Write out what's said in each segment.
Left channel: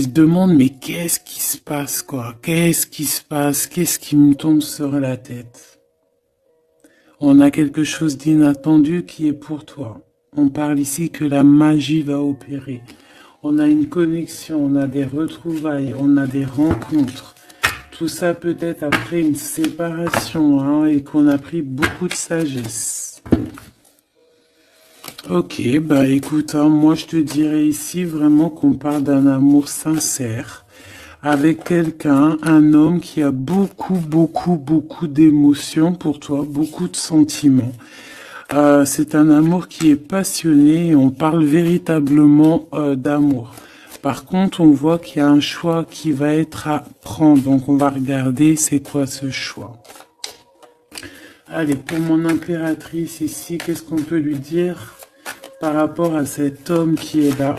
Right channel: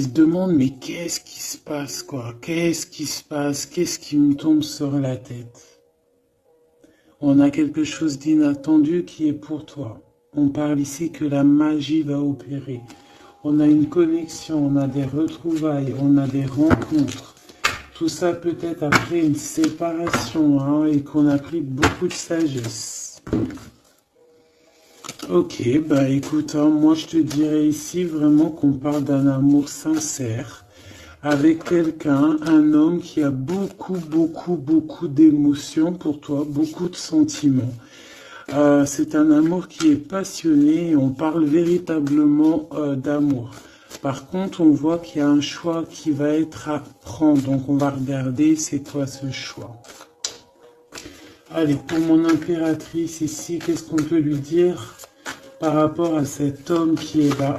Il se demande, mais qu'est-ce qui se passe, quoi? Qu'est-ce qui se passe? Qu'est-ce qui me tombe sur la tête? On a quelque chose d'inattendu qui est pour toi. On parle ici que la magie va opérer. On a une connexion, on a des retrouvailles, on a des rencontres. Tout ça peut-être après une séparation, hein, et qu'on a pris beaucoup de sagesse. Ok, bah écoute, hein, moi je te dirais ici vraiment qu'on parle d'un amour sincère avec quelqu'un, un homme qui a beaucoup d'émotions pour toi, beaucoup de sentiments. C'est un amour qui est passionné et on parle véritablement d'amour. Par contre, on voit qu'il y a un choix qui va être à prendre. Donc, on va regarder c'est quoi ce choix. Allez, pour mon impératrice ici, qu'est-ce qu'on peut lui dire par rapport à cet homme qui est là?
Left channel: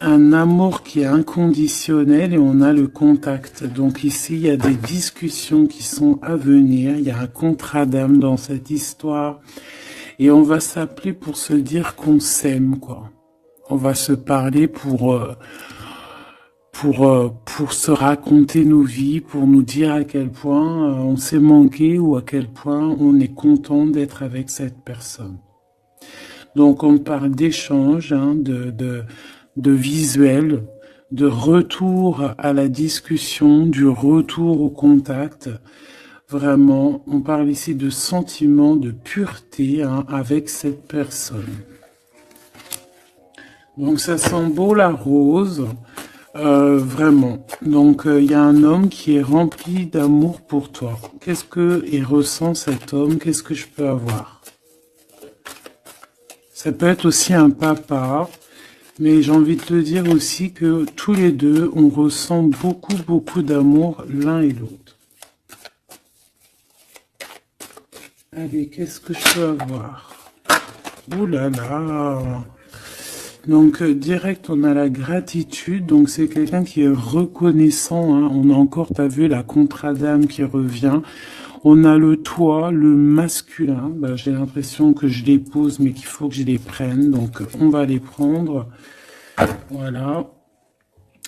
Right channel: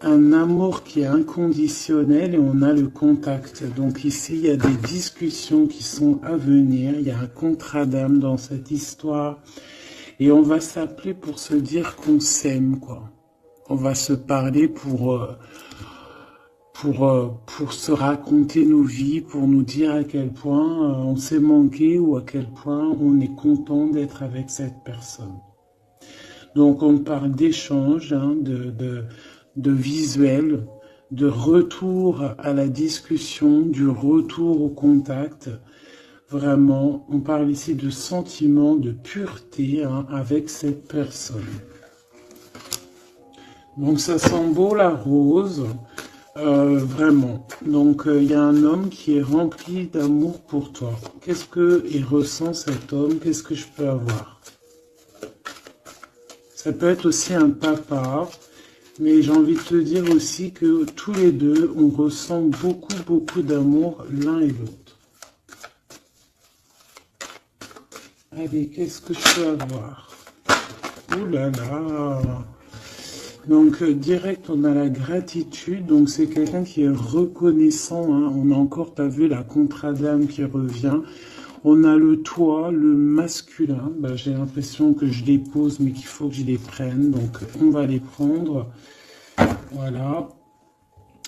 Un amour qui est inconditionnel et on a le contact. Donc ici, il y a des discussions qui sont à venir. Il y a un contrat d'âme dans cette histoire. Et on va s'appeler pour se dire qu'on s'aime, quoi. On va se parler pour se raconter nos vies, pour nous dire à quel point on s'est manqué ou à quel point on est content d'être avec cette personne. Donc on parle d'échange, hein, de visuel, de retour à la discussion, du retour au contact. Vraiment, on parle ici de sentiment de pureté, hein, avec cette personne. Donc ça sent beau la rose, vraiment. Donc il y a un homme qui est rempli d'amour pour toi. Qu'est-ce qu'il ressent cet homme? Qu'est-ce que je peux avoir? Ça peut être aussi un papa. Mais j'ai envie de te dire aussi que tous les deux, on ressent beaucoup d'amour l'un et l'autre. Allez, qu'est-ce que je peux avoir? Ouh là là! Donc, direct, on a la gratitude. Donc, c'est quelqu'un qui est reconnaissant, hein. On a encore, t'as vu, la contrat d'âme qui revient. On a le toi, le masculin. Bah, j'ai l'impression que je les pose, mais qu'il faut que je les prenne. Donc, on va les prendre. Voilà.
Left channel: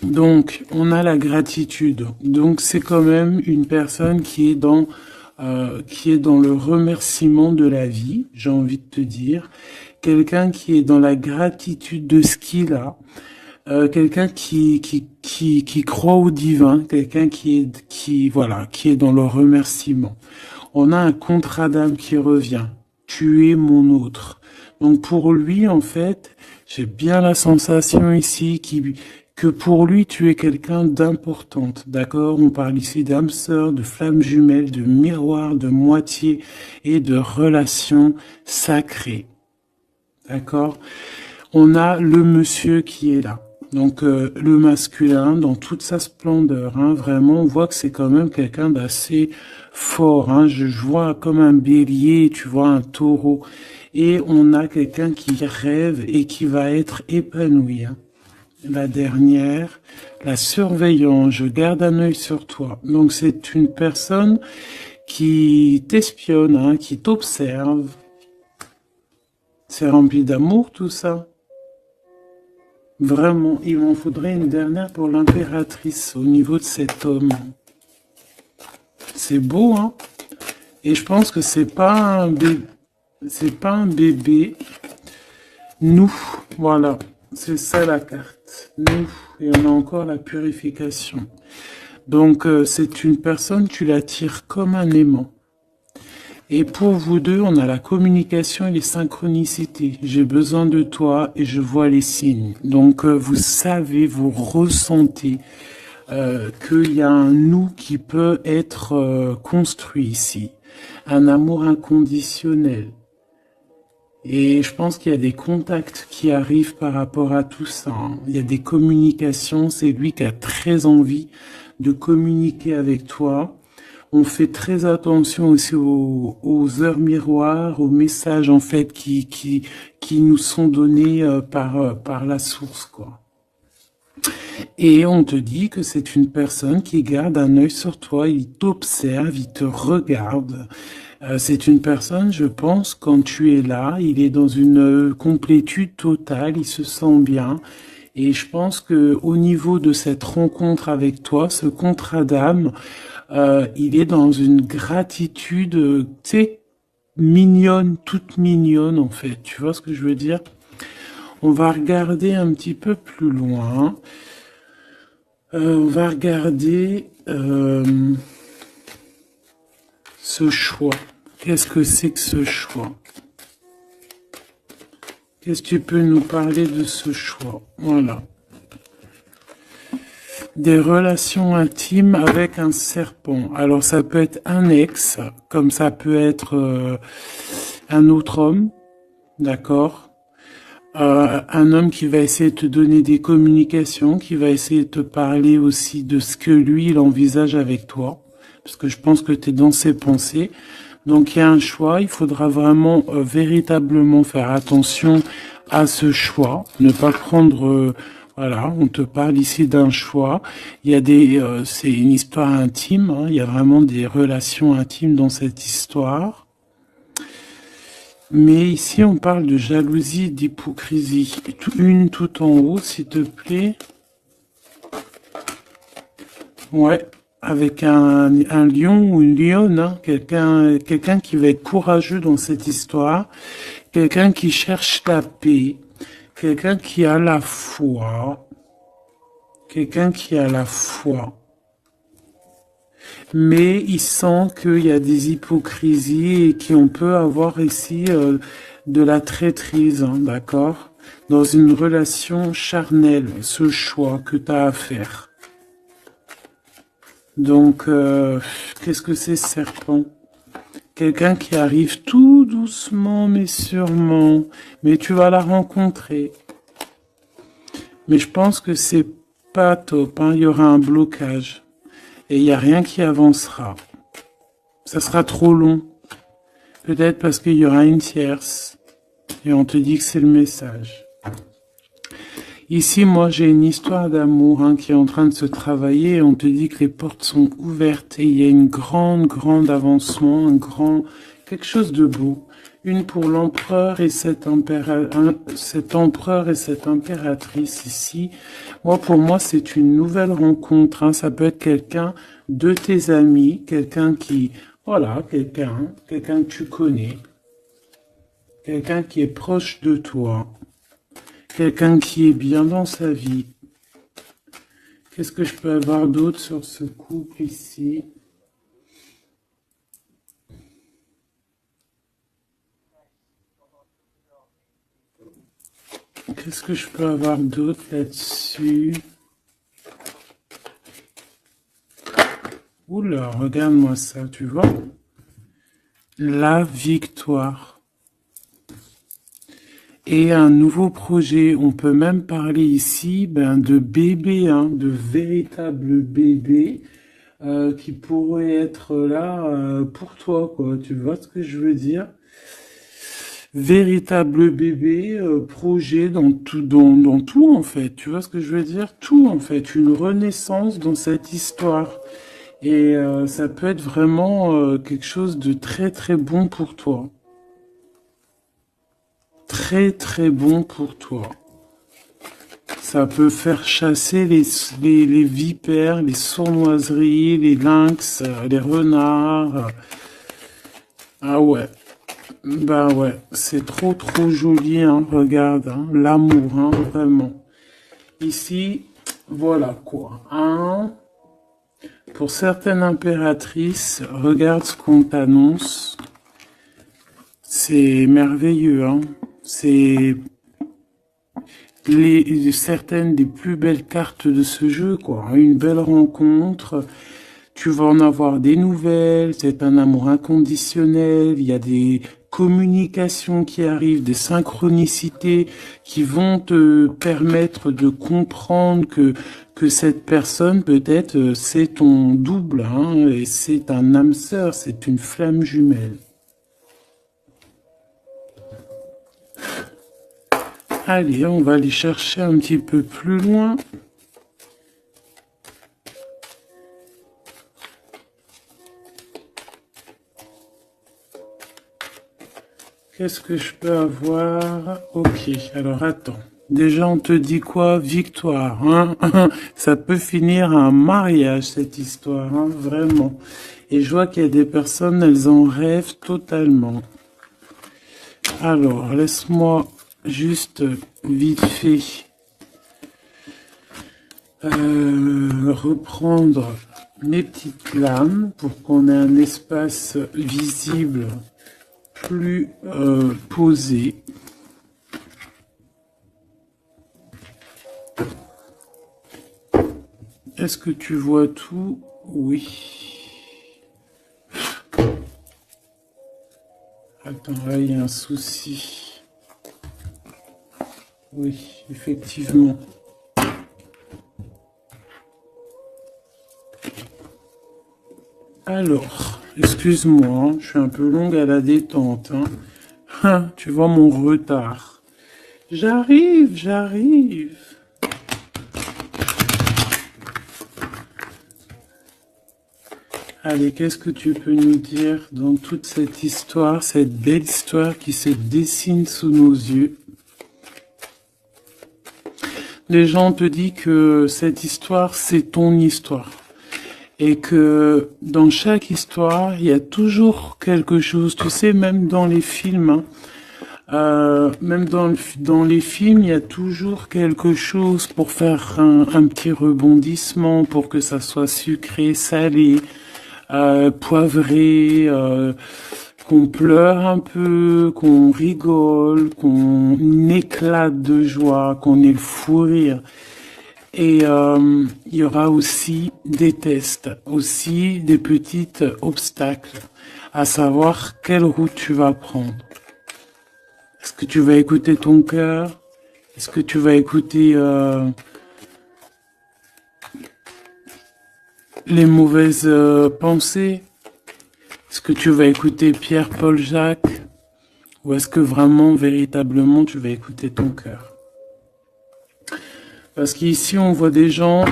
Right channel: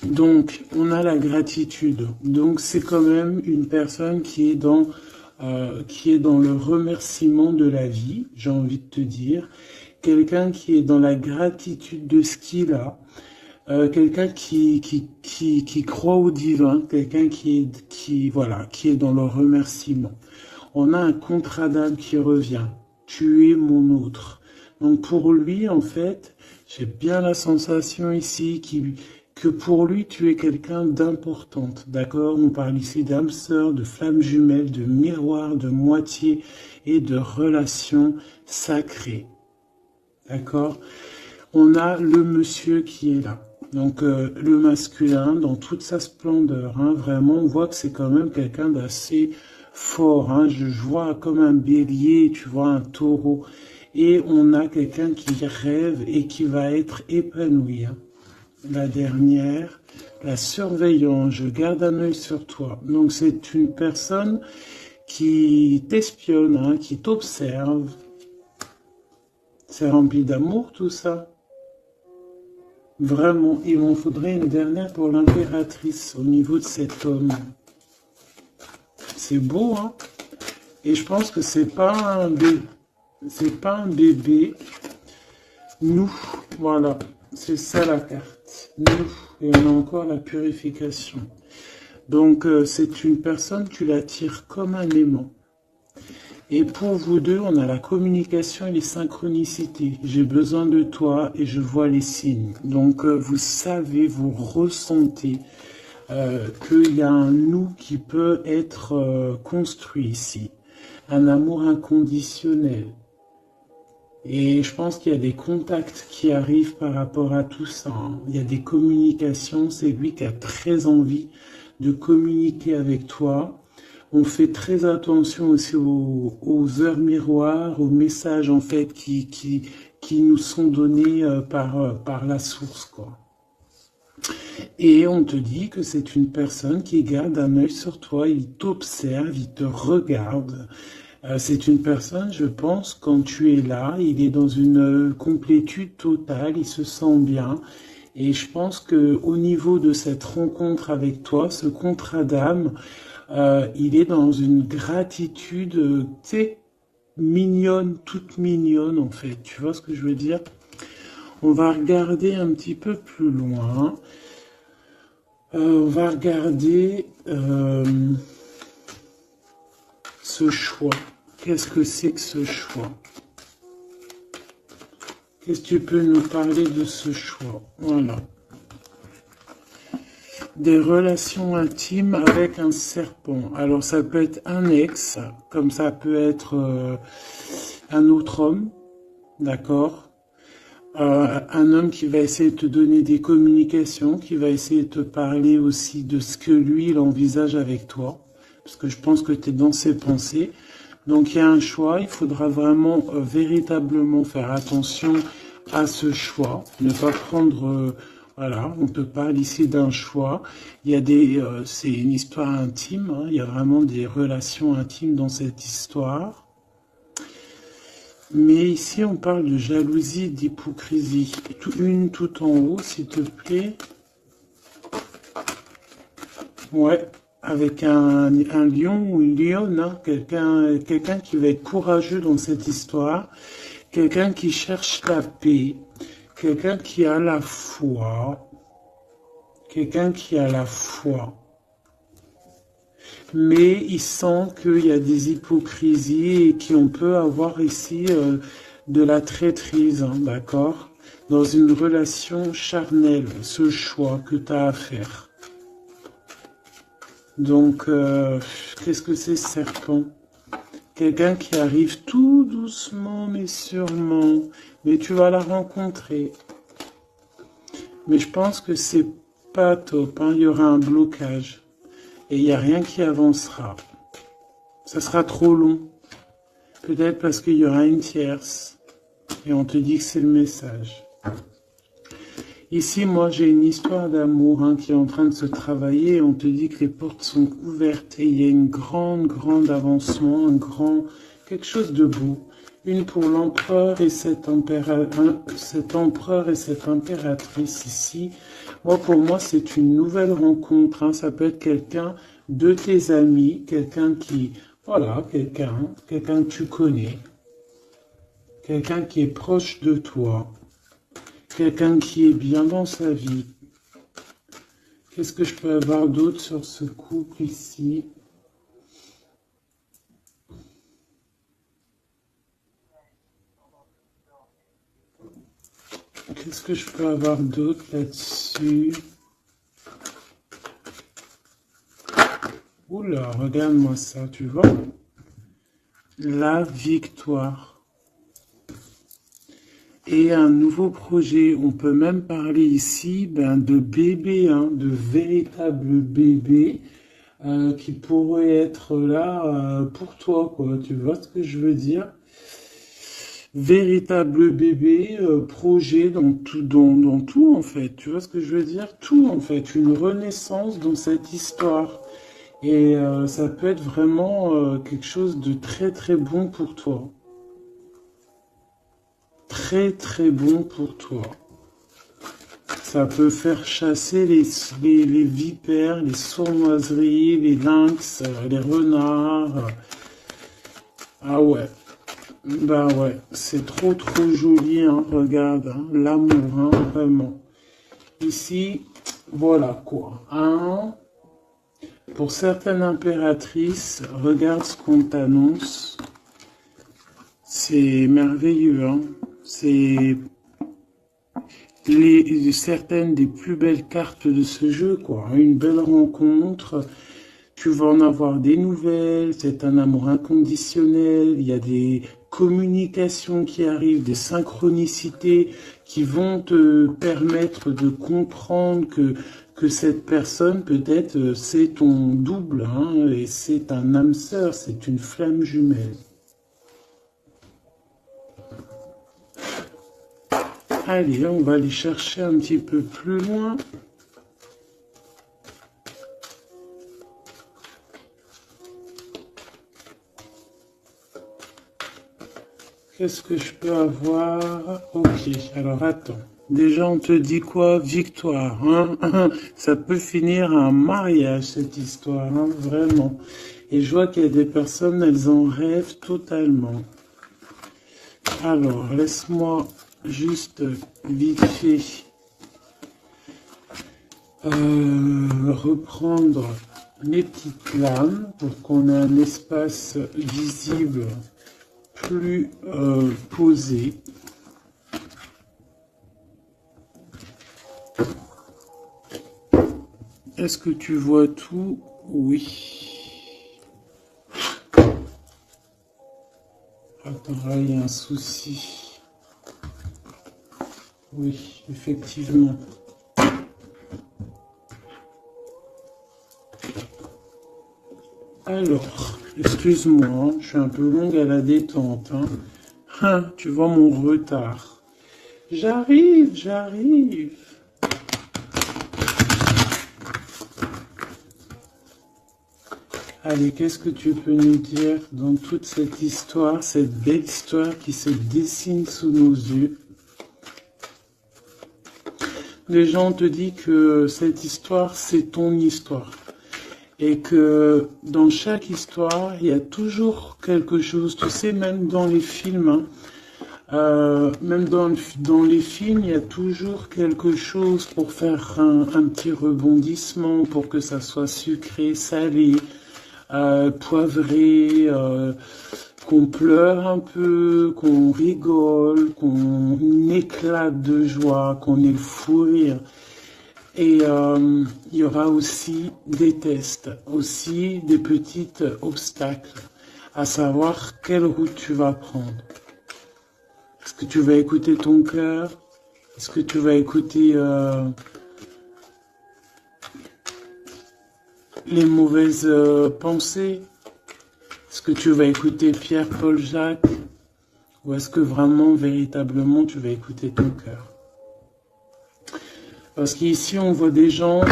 Donc, on a la gratitude. Donc, c'est quand même une personne qui est dans le remerciement de la vie, j'ai envie de te dire. Quelqu'un qui est dans la gratitude de ce qu'il a. Quelqu'un qui croit au divin. Quelqu'un qui est dans le remerciement. On a un contrat d'âme qui revient. Tu es mon autre. Donc, pour lui, en fait, j'ai bien la sensation ici que pour lui, tu es quelqu'un d'importante, d'accord? On parle ici d'âme sœur, de flamme jumelle, de miroir, de moitié et de relation sacrée, d'accord? On a le monsieur qui est là. Donc, le masculin, dans toute sa splendeur, hein, vraiment, on voit que c'est quand même quelqu'un d'assez fort, hein. Je vois comme un bélier, tu vois, un taureau. Et on a quelqu'un qui rêve et qui va être épanoui, hein. La dernière, la surveillance, je garde un œil sur toi. Donc, c'est une personne qui t'espionne, hein, qui t'observe. C'est rempli d'amour, tout ça. Vraiment, il m'en faudrait une dernière pour l'impératrice au niveau de cet homme. C'est beau, hein? Et je pense que c'est pas un bébé. Nous, voilà. C'est ça la carte. Nous, et on a encore la purification. Donc, c'est une personne, tu l'attires comme un aimant. Et pour vous deux, on a la communication et les synchronicités. J'ai besoin de toi et je vois les signes. Donc, vous savez, vous ressentez qu'il y a un nous qui peut être construit ici. Un amour inconditionnel. Et je pense qu'il y a des contacts qui arrivent par rapport à tout ça, hein. Il y a des communications, c'est lui qui a très envie de communiquer avec toi. On fait très attention aussi aux heures miroirs, aux messages en fait qui nous sont donnés par la source, quoi. Et on te dit que c'est une personne qui garde un œil sur toi, il t'observe, il te regarde. C'est une personne, je pense, quand tu es là, il est dans une complétude totale, il se sent bien. Et je pense que au niveau de cette rencontre avec toi, ce contrat d'âme, il est dans une gratitude, tu sais, mignonne, toute mignonne en fait. Tu vois ce que je veux dire? On va regarder un petit peu plus loin. On va regarder ce choix. Qu'est-ce que c'est que ce choix? Qu'est-ce que tu peux nous parler de ce choix? Voilà. Des relations intimes avec un serpent. Alors ça peut être un ex, comme ça peut être un autre homme, d'accord? Un homme qui va essayer de te donner des communications, qui va essayer de te parler aussi de ce que lui, il envisage avec toi, parce que je pense que tu es dans ses pensées. Donc il y a un choix, il faudra vraiment véritablement faire attention à ce choix, ne pas prendre... voilà, on te parle ici d'un choix. Il y a c'est une histoire intime, hein, il y a vraiment des relations intimes dans cette histoire. Mais ici, on parle de jalousie, d'hypocrisie. Une tout en haut, s'il te plaît. Ouais, avec un lion ou une lionne, hein. Quelqu'un qui va être courageux dans cette histoire. Quelqu'un qui cherche la paix. Quelqu'un qui a la foi. Quelqu'un qui a la foi. Mais il sent qu'il y a des hypocrisies et qu'on peut avoir ici de la traîtrise, hein, d'accord? Dans une relation charnelle, ce choix que tu as à faire. Donc, qu'est-ce que c'est, serpent? Quelqu'un qui arrive tout doucement mais sûrement, mais tu vas la rencontrer. Mais je pense que c'est pas top, hein. Il y aura un blocage. Et il n'y a rien qui avancera. Ça sera trop long. Peut-être parce qu'il y aura une tierce. Et on te dit que c'est le message. Ici, moi, j'ai une histoire d'amour hein, qui est en train de se travailler. Et on te dit que les portes sont ouvertes. Et il y a une grande avancement. Quelque chose de beau. Une pour l'empereur et cet empereur et cette impératrice ici. Moi, pour moi, c'est une nouvelle rencontre. Hein. Ça peut être quelqu'un de tes amis, quelqu'un qui, voilà, quelqu'un que tu connais, quelqu'un qui est proche de toi, quelqu'un qui est bien dans sa vie. Qu'est-ce que je peux avoir d'autre sur ce couple ici? Qu'est-ce que je peux avoir d'autre là-dessus? Oula, regarde-moi ça, tu vois? La victoire. Et un nouveau projet, on peut même parler ici de bébés, hein, de véritables bébés qui pourraient être là pour toi, quoi. Tu vois ce que je veux dire? Véritable bébé, projet dans tout en fait. Tu vois ce que je veux dire? Tout en fait, une renaissance dans cette histoire. Et ça peut être vraiment quelque chose de très très bon pour toi. Très bon pour toi. Ça peut faire chasser les vipères, les sournoiseries, les lynx, les renards. Ah ouais. Bah ouais, c'est trop joli, hein, regarde, hein, l'amour, hein, vraiment. Ici, voilà quoi. Hein. Pour certaines impératrices, regarde ce qu'on t'annonce. C'est merveilleux, hein. C'est certaines des plus belles cartes de ce jeu, quoi. Une belle rencontre. Tu vas en avoir des nouvelles, c'est un amour inconditionnel, il y a des communications qui arrivent, des synchronicités qui vont te permettre de comprendre que cette personne, peut-être, c'est ton double, hein, et c'est un âme sœur, c'est une flamme jumelle. Allez, on va aller chercher un petit peu plus loin. qu'est-ce que je peux avoir? Ok, alors attends. Déjà, on te dit quoi? Victoire, hein? Ça peut finir un mariage, cette histoire, hein? Vraiment. Et je vois qu'il y a des personnes, elles en rêvent totalement. Alors, laisse-moi juste vite fait reprendre mes petites lames pour qu'on ait un espace visible plus posé. Est-ce que tu vois tout? Oui. Attends, là, il y a un souci. Oui, effectivement. Alors, excuse-moi, hein, je suis un peu longue à la détente. Hein. Ah, tu vois mon retard. J'arrive, j'arrive. Allez, qu'est-ce que tu peux nous dire dans toute cette histoire, cette belle histoire qui se dessine sous nos yeux? Les gens te disent que cette histoire, c'est ton histoire. Et que dans chaque histoire, il y a toujours quelque chose. Tu sais, même dans les films, même dans les films, il y a toujours quelque chose pour faire un petit rebondissement, pour que ça soit sucré, salé, poivré, qu'on pleure un peu, qu'on rigole, qu'on éclate de joie, qu'on ait le fou rire. Et il y aura aussi des tests, aussi des petits obstacles, à savoir quelle route tu vas prendre. Est-ce que tu vas écouter ton cœur? Est-ce que tu vas écouter les mauvaises pensées? Est-ce que tu vas écouter Pierre, Paul, Jacques? Ou est-ce que vraiment, véritablement, tu vas écouter ton cœur? Parce qu'ici, on voit des gens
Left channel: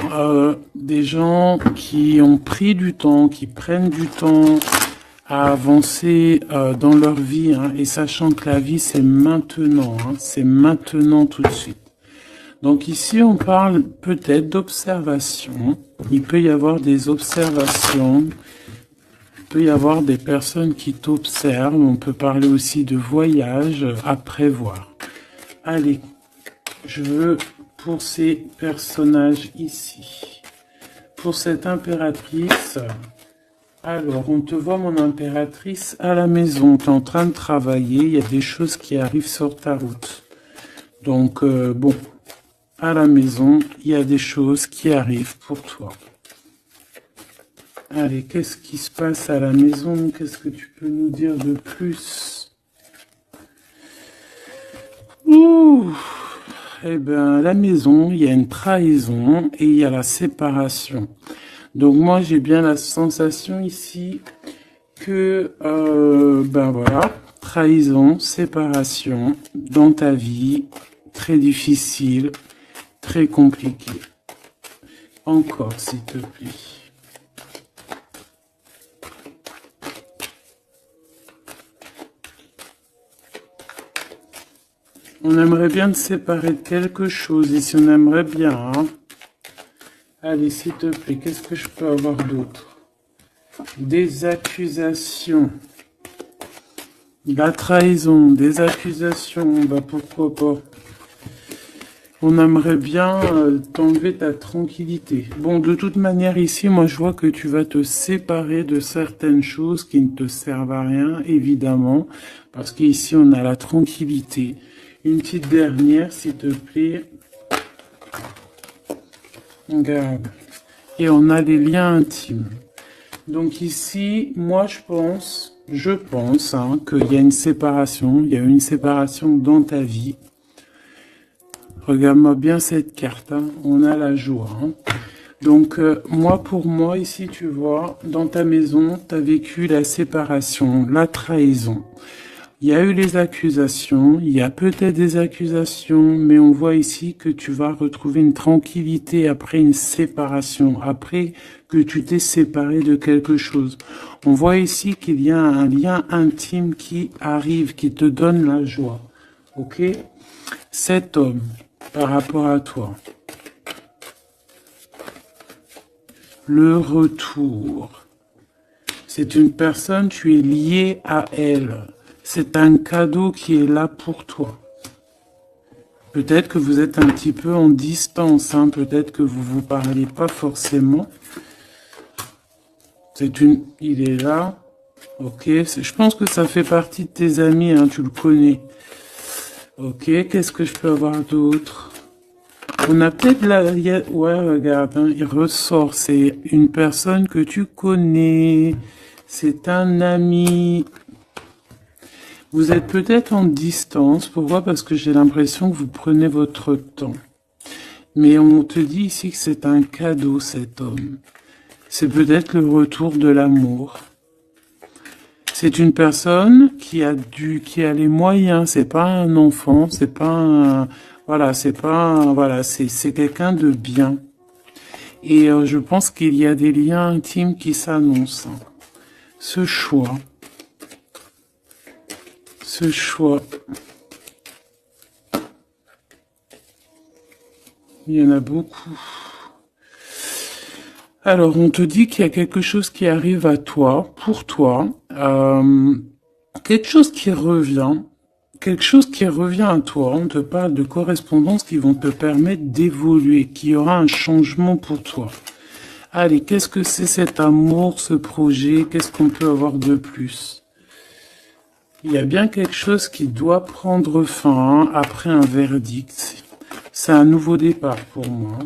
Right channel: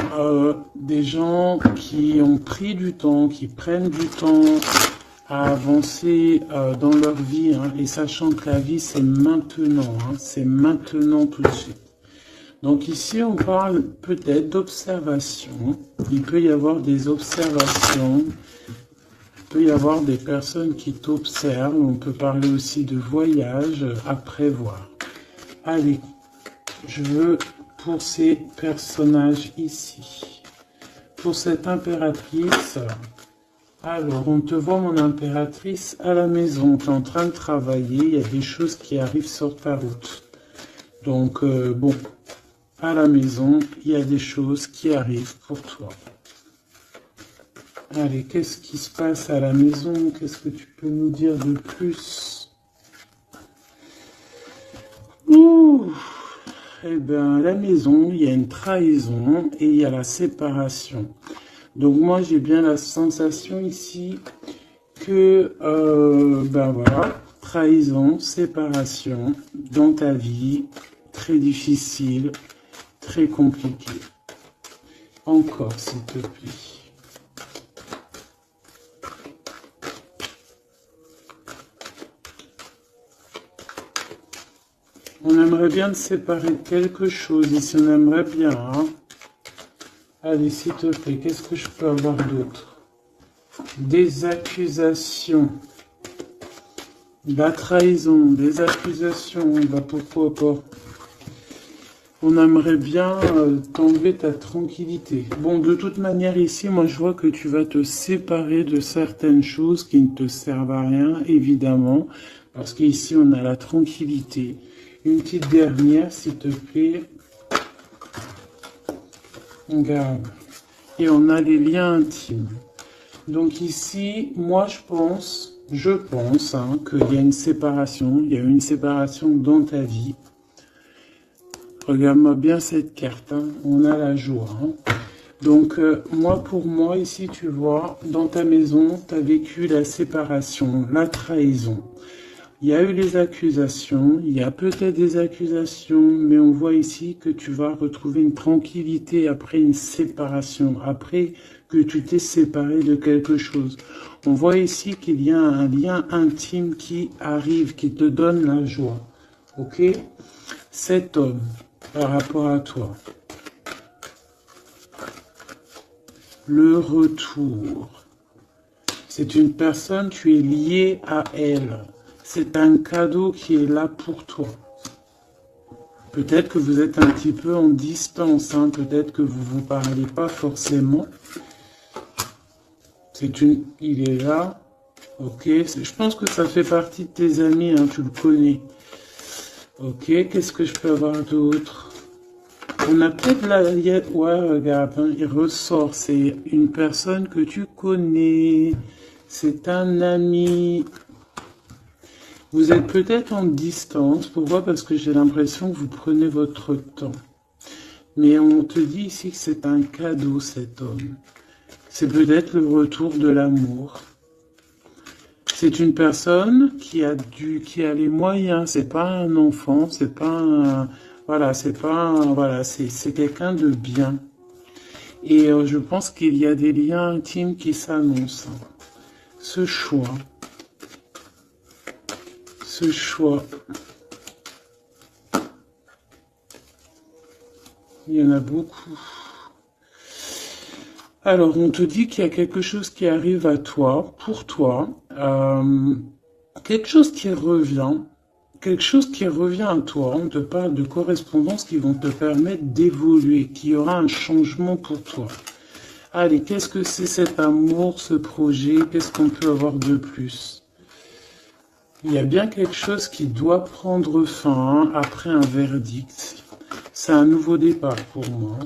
qui ont pris du temps, qui prennent du temps à avancer dans leur vie, hein, et sachant que la vie, c'est maintenant, hein, c'est maintenant tout de suite. Donc ici, on parle peut-être d'observation. Il peut y avoir des observations. Il peut y avoir des personnes qui t'observent. On peut parler aussi de voyage à prévoir. Allez, je veux pour ces personnages ici. Pour cette impératrice, alors on te voit mon impératrice à la maison. Tu es en train de travailler. Il y a des choses qui arrivent sur ta route. Donc bon, à la maison, il y a des choses qui arrivent pour toi. Allez, qu'est-ce qui se passe à la maison? Qu'est-ce que tu peux nous dire de plus? Ouh, eh bien, à la maison, il y a une trahison et il y a la séparation. Donc moi, j'ai bien la sensation ici que, ben voilà, trahison, séparation dans ta vie, très difficile, très compliqué. Encore, s'il te plaît. On aimerait bien te séparer de quelque chose, ici on aimerait bien. Hein. Allez, s'il te plaît, qu'est-ce que je peux avoir d'autre? Des accusations. La trahison, des accusations, bah pourquoi pas. On aimerait bien t'enlever ta tranquillité. Bon, de toute manière, ici, moi je vois que tu vas te séparer de certaines choses qui ne te servent à rien, évidemment. Parce qu'ici, on a la tranquillité. Une petite dernière, s'il te plaît. Regarde. Et on a les liens intimes. Donc ici, moi je pense hein, qu'il y a une séparation. Il y a une séparation dans ta vie. Regarde-moi bien cette carte. Hein. On a la joie. Hein. Donc moi, pour moi, ici, tu vois, dans ta maison, tu as vécu la séparation, la trahison. Il y a eu les accusations, il y a peut-être des accusations, mais on voit ici que tu vas retrouver une tranquillité après une séparation, après que tu t'es séparé de quelque chose. On voit ici qu'il y a un lien intime qui arrive, qui te donne la joie. Ok? Cet homme, par rapport à toi, le retour. C'est une personne, tu es lié à elle. C'est un cadeau qui est là pour toi. Peut-être que vous êtes un petit peu en distance, hein, peut-être que vous ne vous parlez pas forcément. Il est là, ok. Je pense que ça fait partie de tes amis, hein, tu le connais. Ok, qu'est-ce que je peux avoir d'autre? On a peut-être ouais, regarde, hein, il ressort. C'est une personne que tu connais. C'est un ami. Vous êtes peut-être en distance. Pourquoi? Parce que j'ai l'impression que vous prenez votre temps. Mais on te dit ici que c'est un cadeau, cet homme. C'est peut-être le retour de l'amour. C'est une personne qui a les moyens. C'est pas un enfant. C'est pas un, voilà, c'est quelqu'un de bien. Et je pense qu'il y a des liens intimes qui s'annoncent. Ce choix. Il y en a beaucoup. Alors, on te dit qu'il y a quelque chose qui arrive à toi, pour toi, quelque chose qui revient à toi. On te parle de correspondances qui vont te permettre d'évoluer, qu'il y aura un changement pour toi. Allez, qu'est-ce que c'est cet amour, ce projet? Qu'est-ce qu'on peut avoir de plus? Il y a bien quelque chose qui doit prendre fin, hein, après un verdict. C'est un nouveau départ pour moi.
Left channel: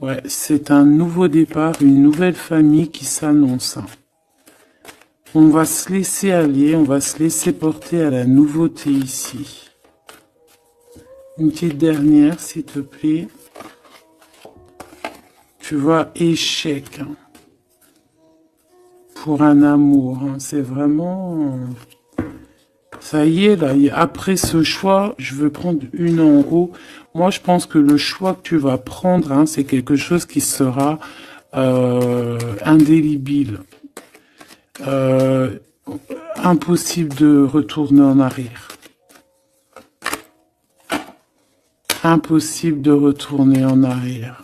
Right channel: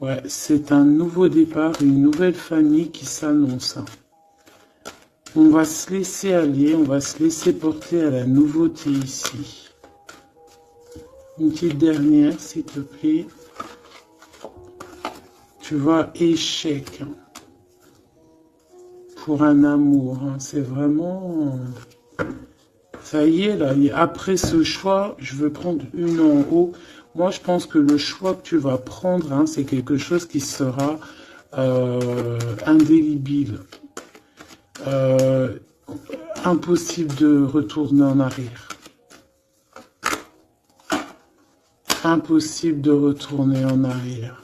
Ouais, c'est un nouveau départ, une nouvelle famille qui s'annonce. On va se laisser aller, on va se laisser porter à la nouveauté ici. Une petite dernière, s'il te plaît. Tu vois, échec. Pour un amour, hein, c'est vraiment... Ça y est, là, après ce choix, je veux prendre une en haut. Moi, je pense que le choix que tu vas prendre, hein, c'est quelque chose qui sera indélébile. Impossible de retourner en arrière. Impossible de retourner en arrière.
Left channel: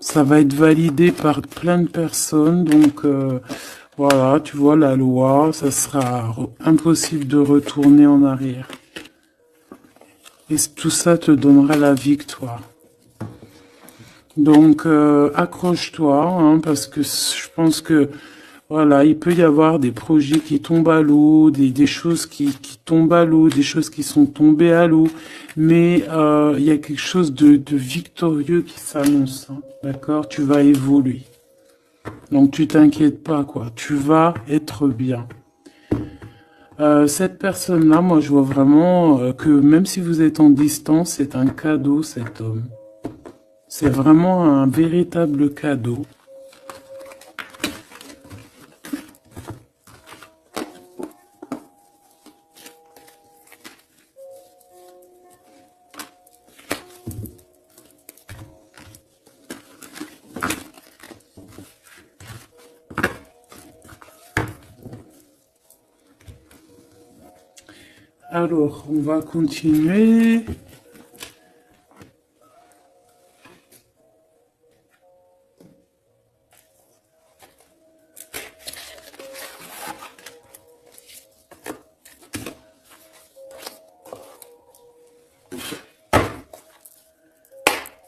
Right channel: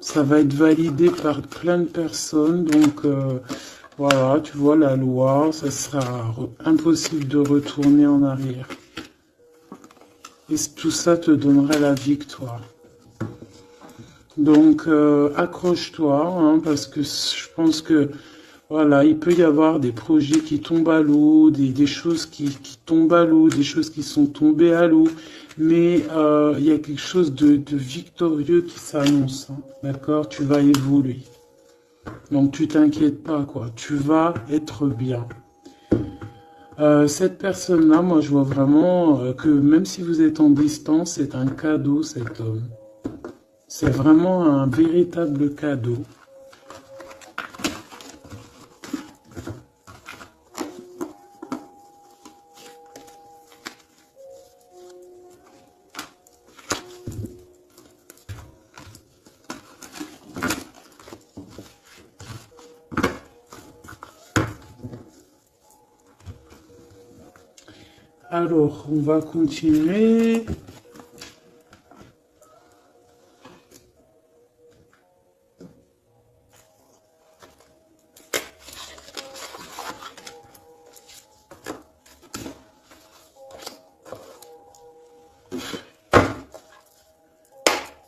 Ça va être validé par plein de personnes, donc... voilà, tu vois la loi, ça sera impossible de retourner en arrière. Et tout ça te donnera la victoire. Donc, accroche-toi, hein, parce que je pense que, voilà, il peut y avoir des projets qui tombent à l'eau, des choses qui tombent à l'eau, des choses qui sont tombées à l'eau, mais il y a quelque chose de victorieux qui s'annonce, hein, d'accord? Tu vas évoluer. Donc tu t'inquiètes pas, quoi. Tu vas être bien. Cette personne-là, moi je vois vraiment que même si vous êtes en distance, c'est un cadeau, cet homme. C'est vraiment un véritable cadeau. Alors, on va continuer.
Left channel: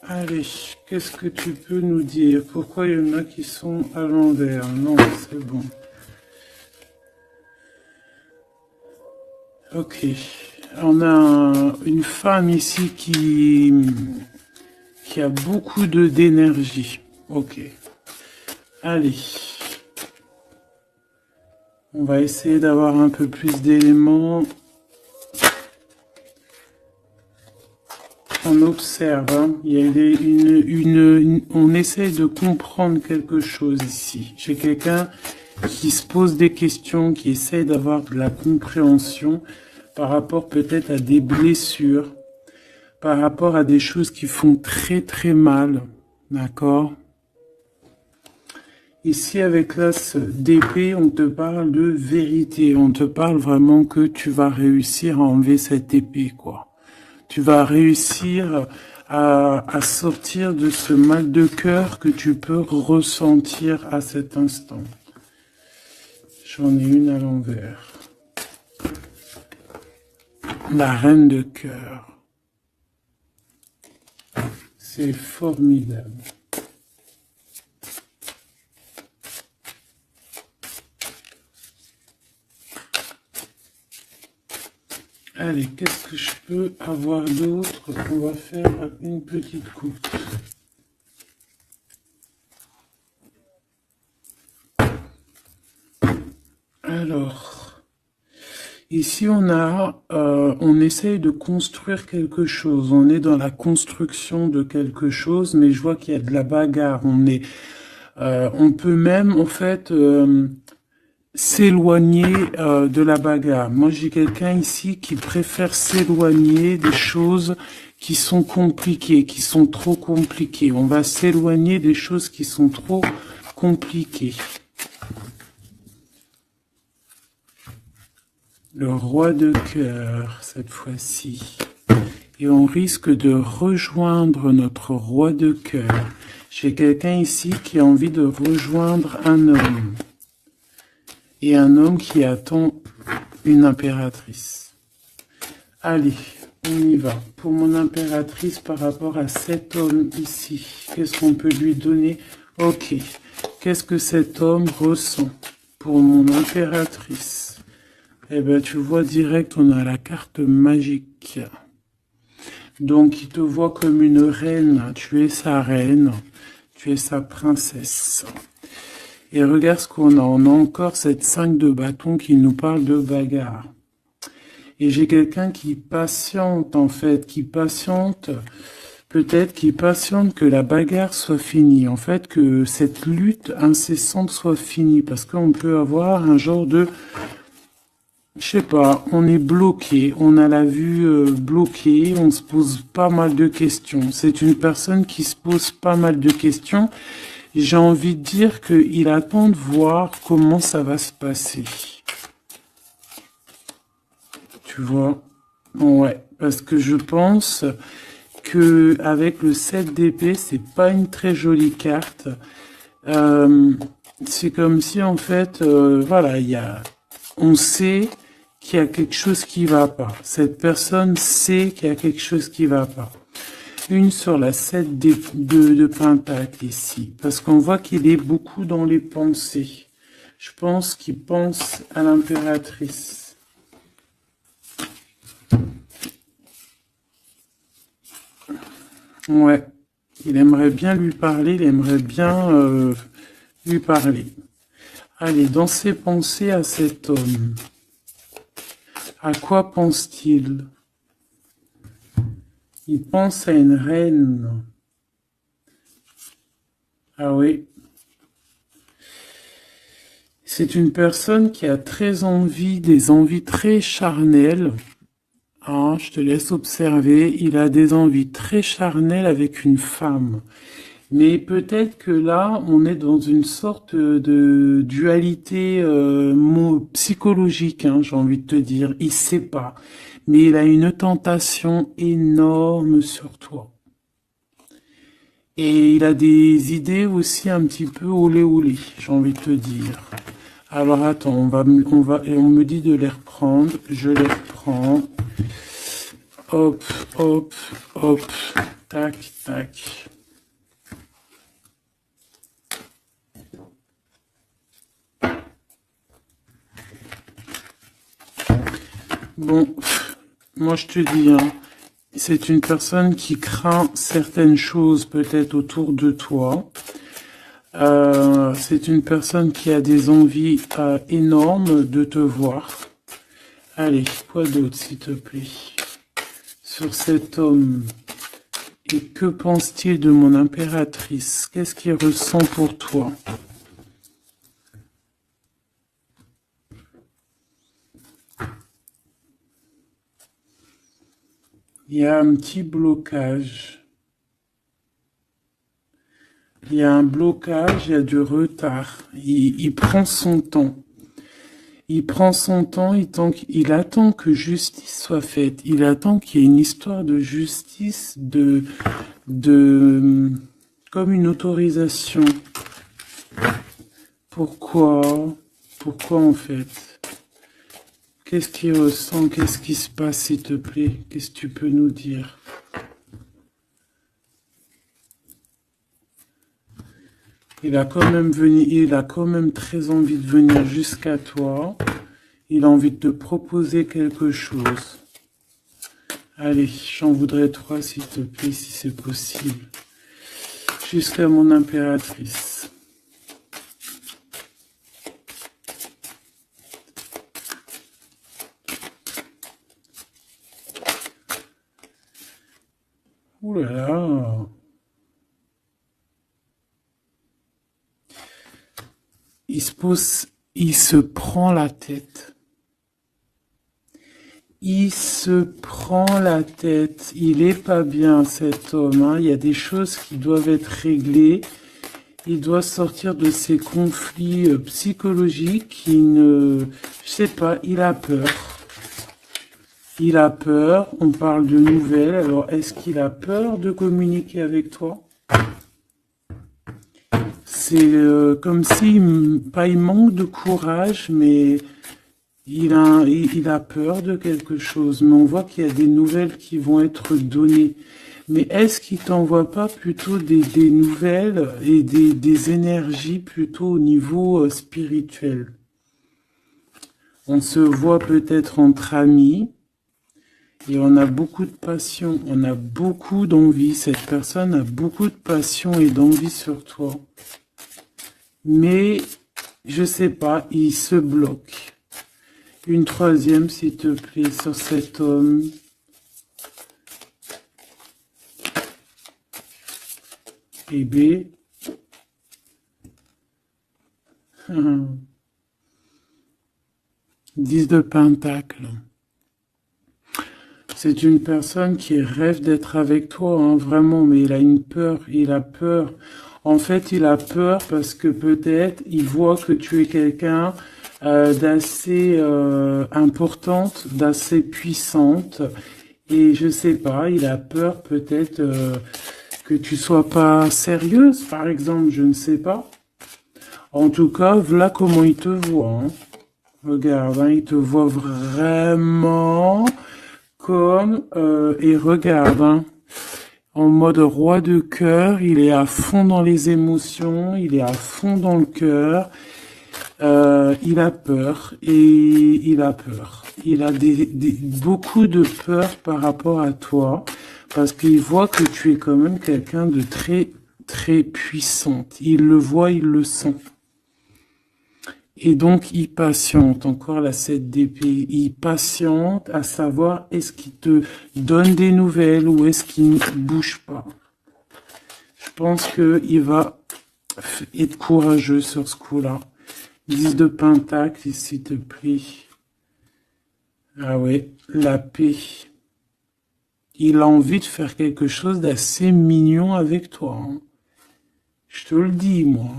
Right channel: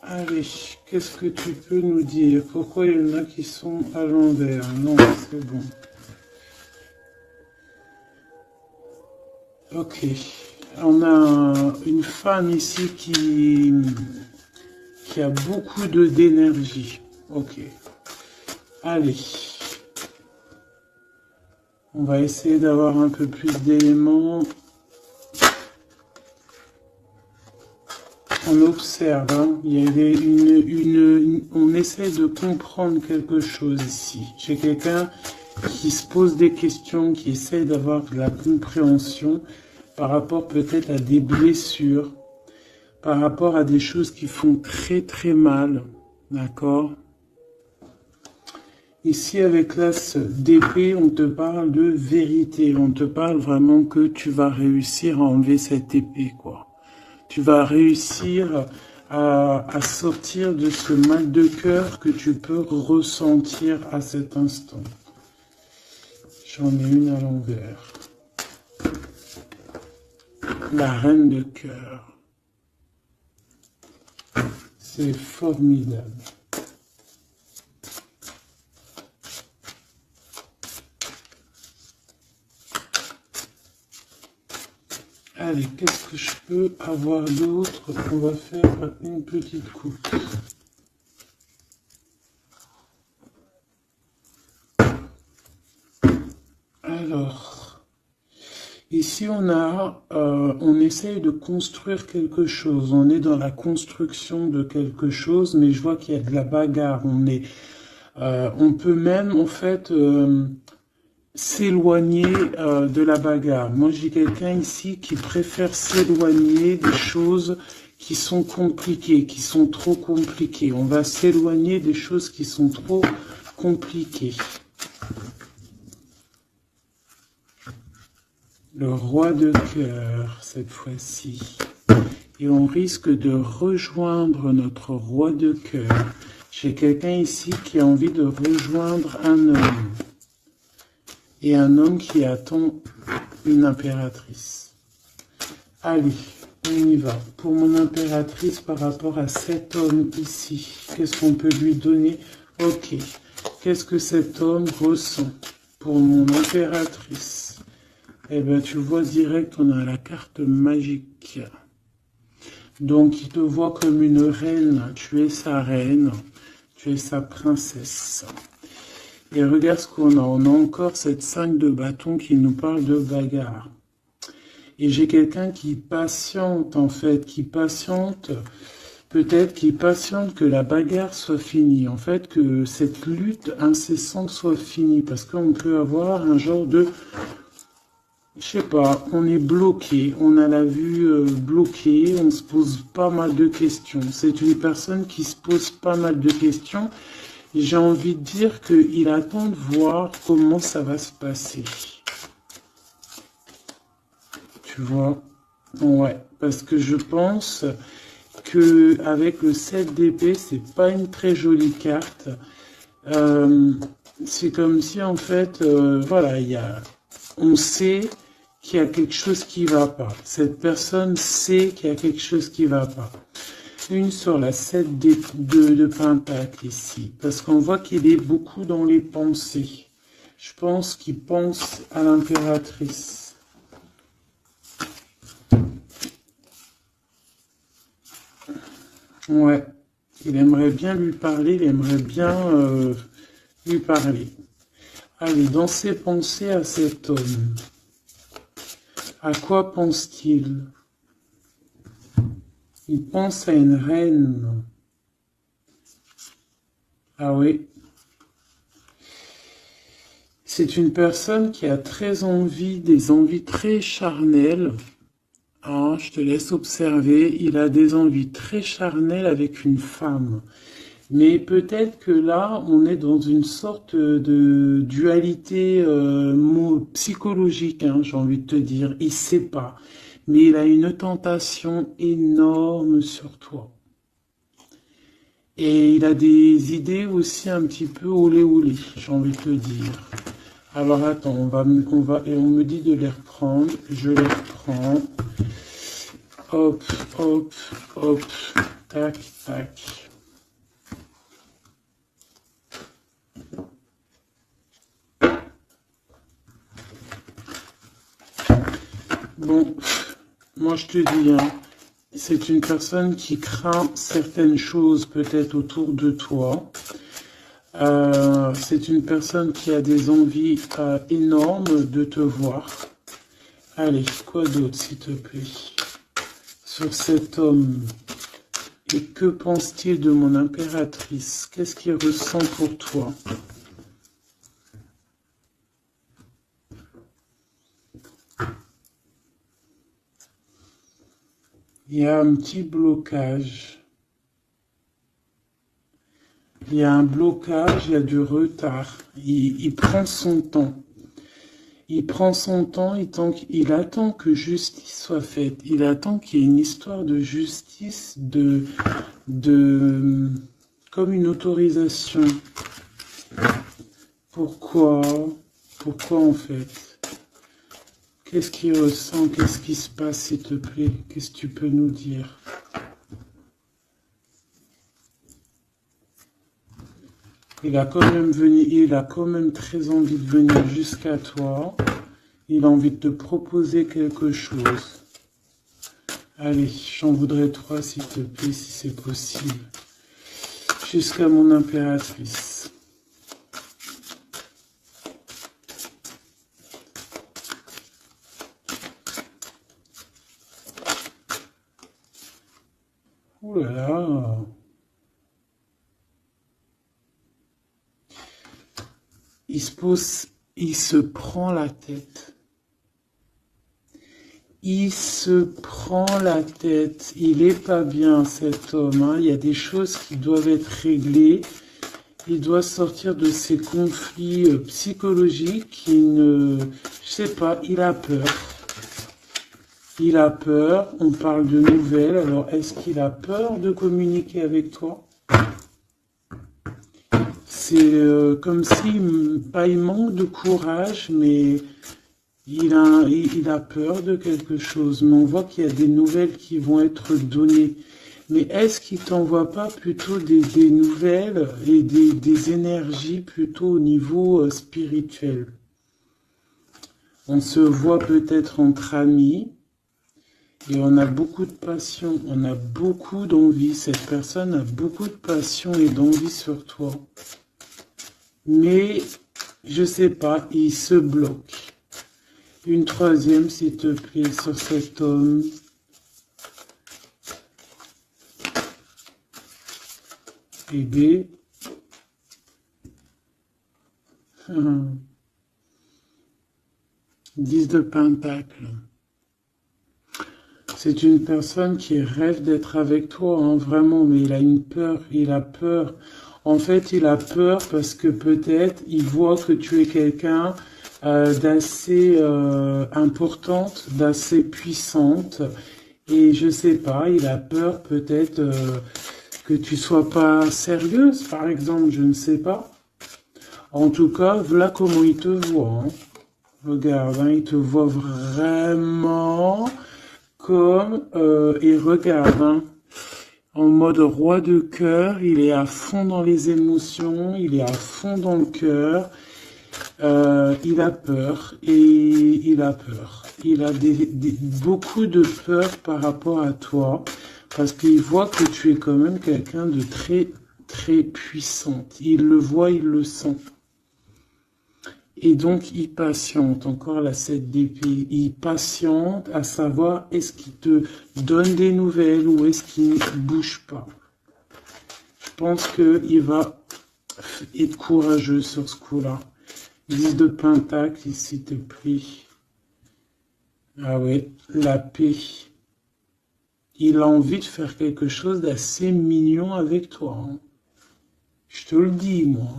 Allez, qu'est-ce que tu peux nous dire? Pourquoi il y en a qui sont à l'envers? Non, c'est bon. Ok, on a une femme ici qui a beaucoup d'énergie. Ok, allez. On va essayer d'avoir un peu plus d'éléments. On observe, hein. Il y a on essaie de comprendre quelque chose ici. J'ai quelqu'un qui se pose des questions, qui essaie d'avoir de la compréhension par rapport peut-être à des blessures, par rapport à des choses qui font très très mal. D'accord? Ici, avec l'as d'épée, on te parle de vérité. On te parle vraiment que tu vas réussir à enlever cette épée, quoi. Tu vas réussir à sortir de ce mal de cœur que tu peux ressentir à cet instant. J'en ai une à l'envers. La reine de cœur. C'est formidable. Allez, qu'est-ce que je peux avoir d'autre? On va faire une petite coupe. Alors, ici on essaye de construire quelque chose. On est dans la construction de quelque chose, mais je vois qu'il y a de la bagarre. On peut même en fait s'éloigner de la bagarre. Moi, j'ai quelqu'un ici qui préfère s'éloigner des choses qui sont compliquées, qui sont trop compliquées. On va s'éloigner des choses qui sont trop compliquées. Le roi de cœur, cette fois-ci. Et on risque de rejoindre notre roi de cœur. J'ai quelqu'un ici qui a envie de rejoindre un homme. Et un homme qui attend une impératrice. Allez, on y va. Pour mon impératrice, par rapport à cet homme ici, qu'est-ce qu'on peut lui donner? Ok. Qu'est-ce que cet homme ressent pour mon impératrice? Eh bien, tu vois direct, on a la carte magique. Donc, il te voit comme une reine. Tu es sa reine. Tu es sa princesse. Et regarde ce qu'on a. On a encore cette 5 de bâton qui nous parle de bagarre. Et j'ai quelqu'un qui patiente, en fait, qui patiente, peut-être qui patiente que la bagarre soit finie. En fait, que cette lutte incessante soit finie. Parce qu'on peut avoir un genre de... Je sais pas, on est bloqué, on a la vue bloquée, on se pose pas mal de questions. C'est une personne qui se pose pas mal de questions. J'ai envie de dire qu'il attend de voir comment ça va se passer. Tu vois? Ouais, parce que je pense que avec le 7 d'épée, c'est pas une très jolie carte. C'est comme si en fait, voilà, on sait qu'il y a quelque chose qui va pas. Cette personne sait qu'il y a quelque chose qui va pas. Une sur la 7 de Pentacle ici, parce qu'on voit qu'il est beaucoup dans les pensées. Je pense qu'il pense à l'impératrice. Ouais, il aimerait bien lui parler, il aimerait bien lui parler. Allez, dans ses pensées à cet homme, à quoi pense-t-il? Il pense à une reine. Ah oui. C'est une personne qui a très envie, des envies très charnelles. Hein, je te laisse observer. Il a des envies très charnelles avec une femme. Mais peut-être que là, on est dans une sorte de dualité psychologique, hein, j'ai envie de te dire. Il sait pas. Mais il a une tentation énorme sur toi. Et il a des idées aussi un petit peu olé olé, j'ai envie de te dire. Alors attends, et on me dit de les reprendre. Je les reprends. Hop, hop, hop. Tac, tac. Bon, moi je te dis, hein, c'est une personne qui craint certaines choses peut-être autour de toi. C'est une personne qui a des envies énormes de te voir. Allez, quoi d'autre s'il te plaît? Sur cet homme. Et que pense-t-il de mon impératrice? Qu'est-ce qu'il ressent pour toi? Il y a un petit blocage. Il y a un blocage, il y a du retard. Il prend son temps. Il prend son temps, il attend que justice soit faite. Il attend qu'il y ait une histoire de justice, comme une autorisation. Pourquoi? Pourquoi en fait? Qu'est-ce qu'il ressent? Qu'est-ce qui se passe, s'il te plaît? Qu'est-ce que tu peux nous dire? Il a quand même très envie de venir jusqu'à toi. Il a envie de te proposer quelque chose. Allez, j'en voudrais 3, s'il te plaît, si c'est possible. Jusqu'à mon impératrice. Ouh là là. Il se prend la tête. Il se prend la tête. Il est pas bien, cet homme, hein. Il y a des choses qui doivent être réglées. Il doit sortir de ces conflits psychologiques. Je sais pas, il a peur. Il a peur. On parle de nouvelles. Alors, est-ce qu'il a peur de communiquer avec toi? C'est comme si, pas il manque de courage, mais il a peur de quelque chose. Mais on voit qu'il y a des nouvelles qui vont être données. Mais est-ce qu'il t'envoie pas plutôt des nouvelles et des énergies plutôt au niveau spirituel? On se voit peut-être entre amis et on a beaucoup de passion, on a beaucoup d'envie. Cette personne a beaucoup de passion et d'envie sur toi. Mais, je sais pas, il se bloque. Une troisième, s'il te plaît, sur cet homme. Bébé. 10 de Pentacle. C'est une personne qui rêve d'être avec toi, hein, vraiment, mais il a une peur, il a peur. En fait, il a peur parce que peut-être il voit que tu es quelqu'un d'assez importante, d'assez puissante. Et je sais pas, il a peur peut-être que tu sois pas sérieuse, par exemple, je ne sais pas. En tout cas, voilà comment il te voit. Hein. Regarde, hein, il te voit vraiment comme... et regarde, hein, en mode roi de cœur, il est à fond dans les émotions, il est à fond dans le cœur. Il a peur et il a peur. Il a beaucoup de peur par rapport à toi parce qu'il voit que tu es quand même quelqu'un de très, très puissante. Il le voit, il le sent. Et donc, il patiente. Encore la 7 d'épée. Il patiente à savoir est-ce qu'il te donne des nouvelles ou est-ce qu'il ne bouge pas. Je pense qu'il va être courageux sur ce coup-là. 10 de Pentacle, s'il te plaît. Ah ouais, la paix. Il a envie de faire quelque chose d'assez mignon avec toi. Hein. Je te le dis, moi.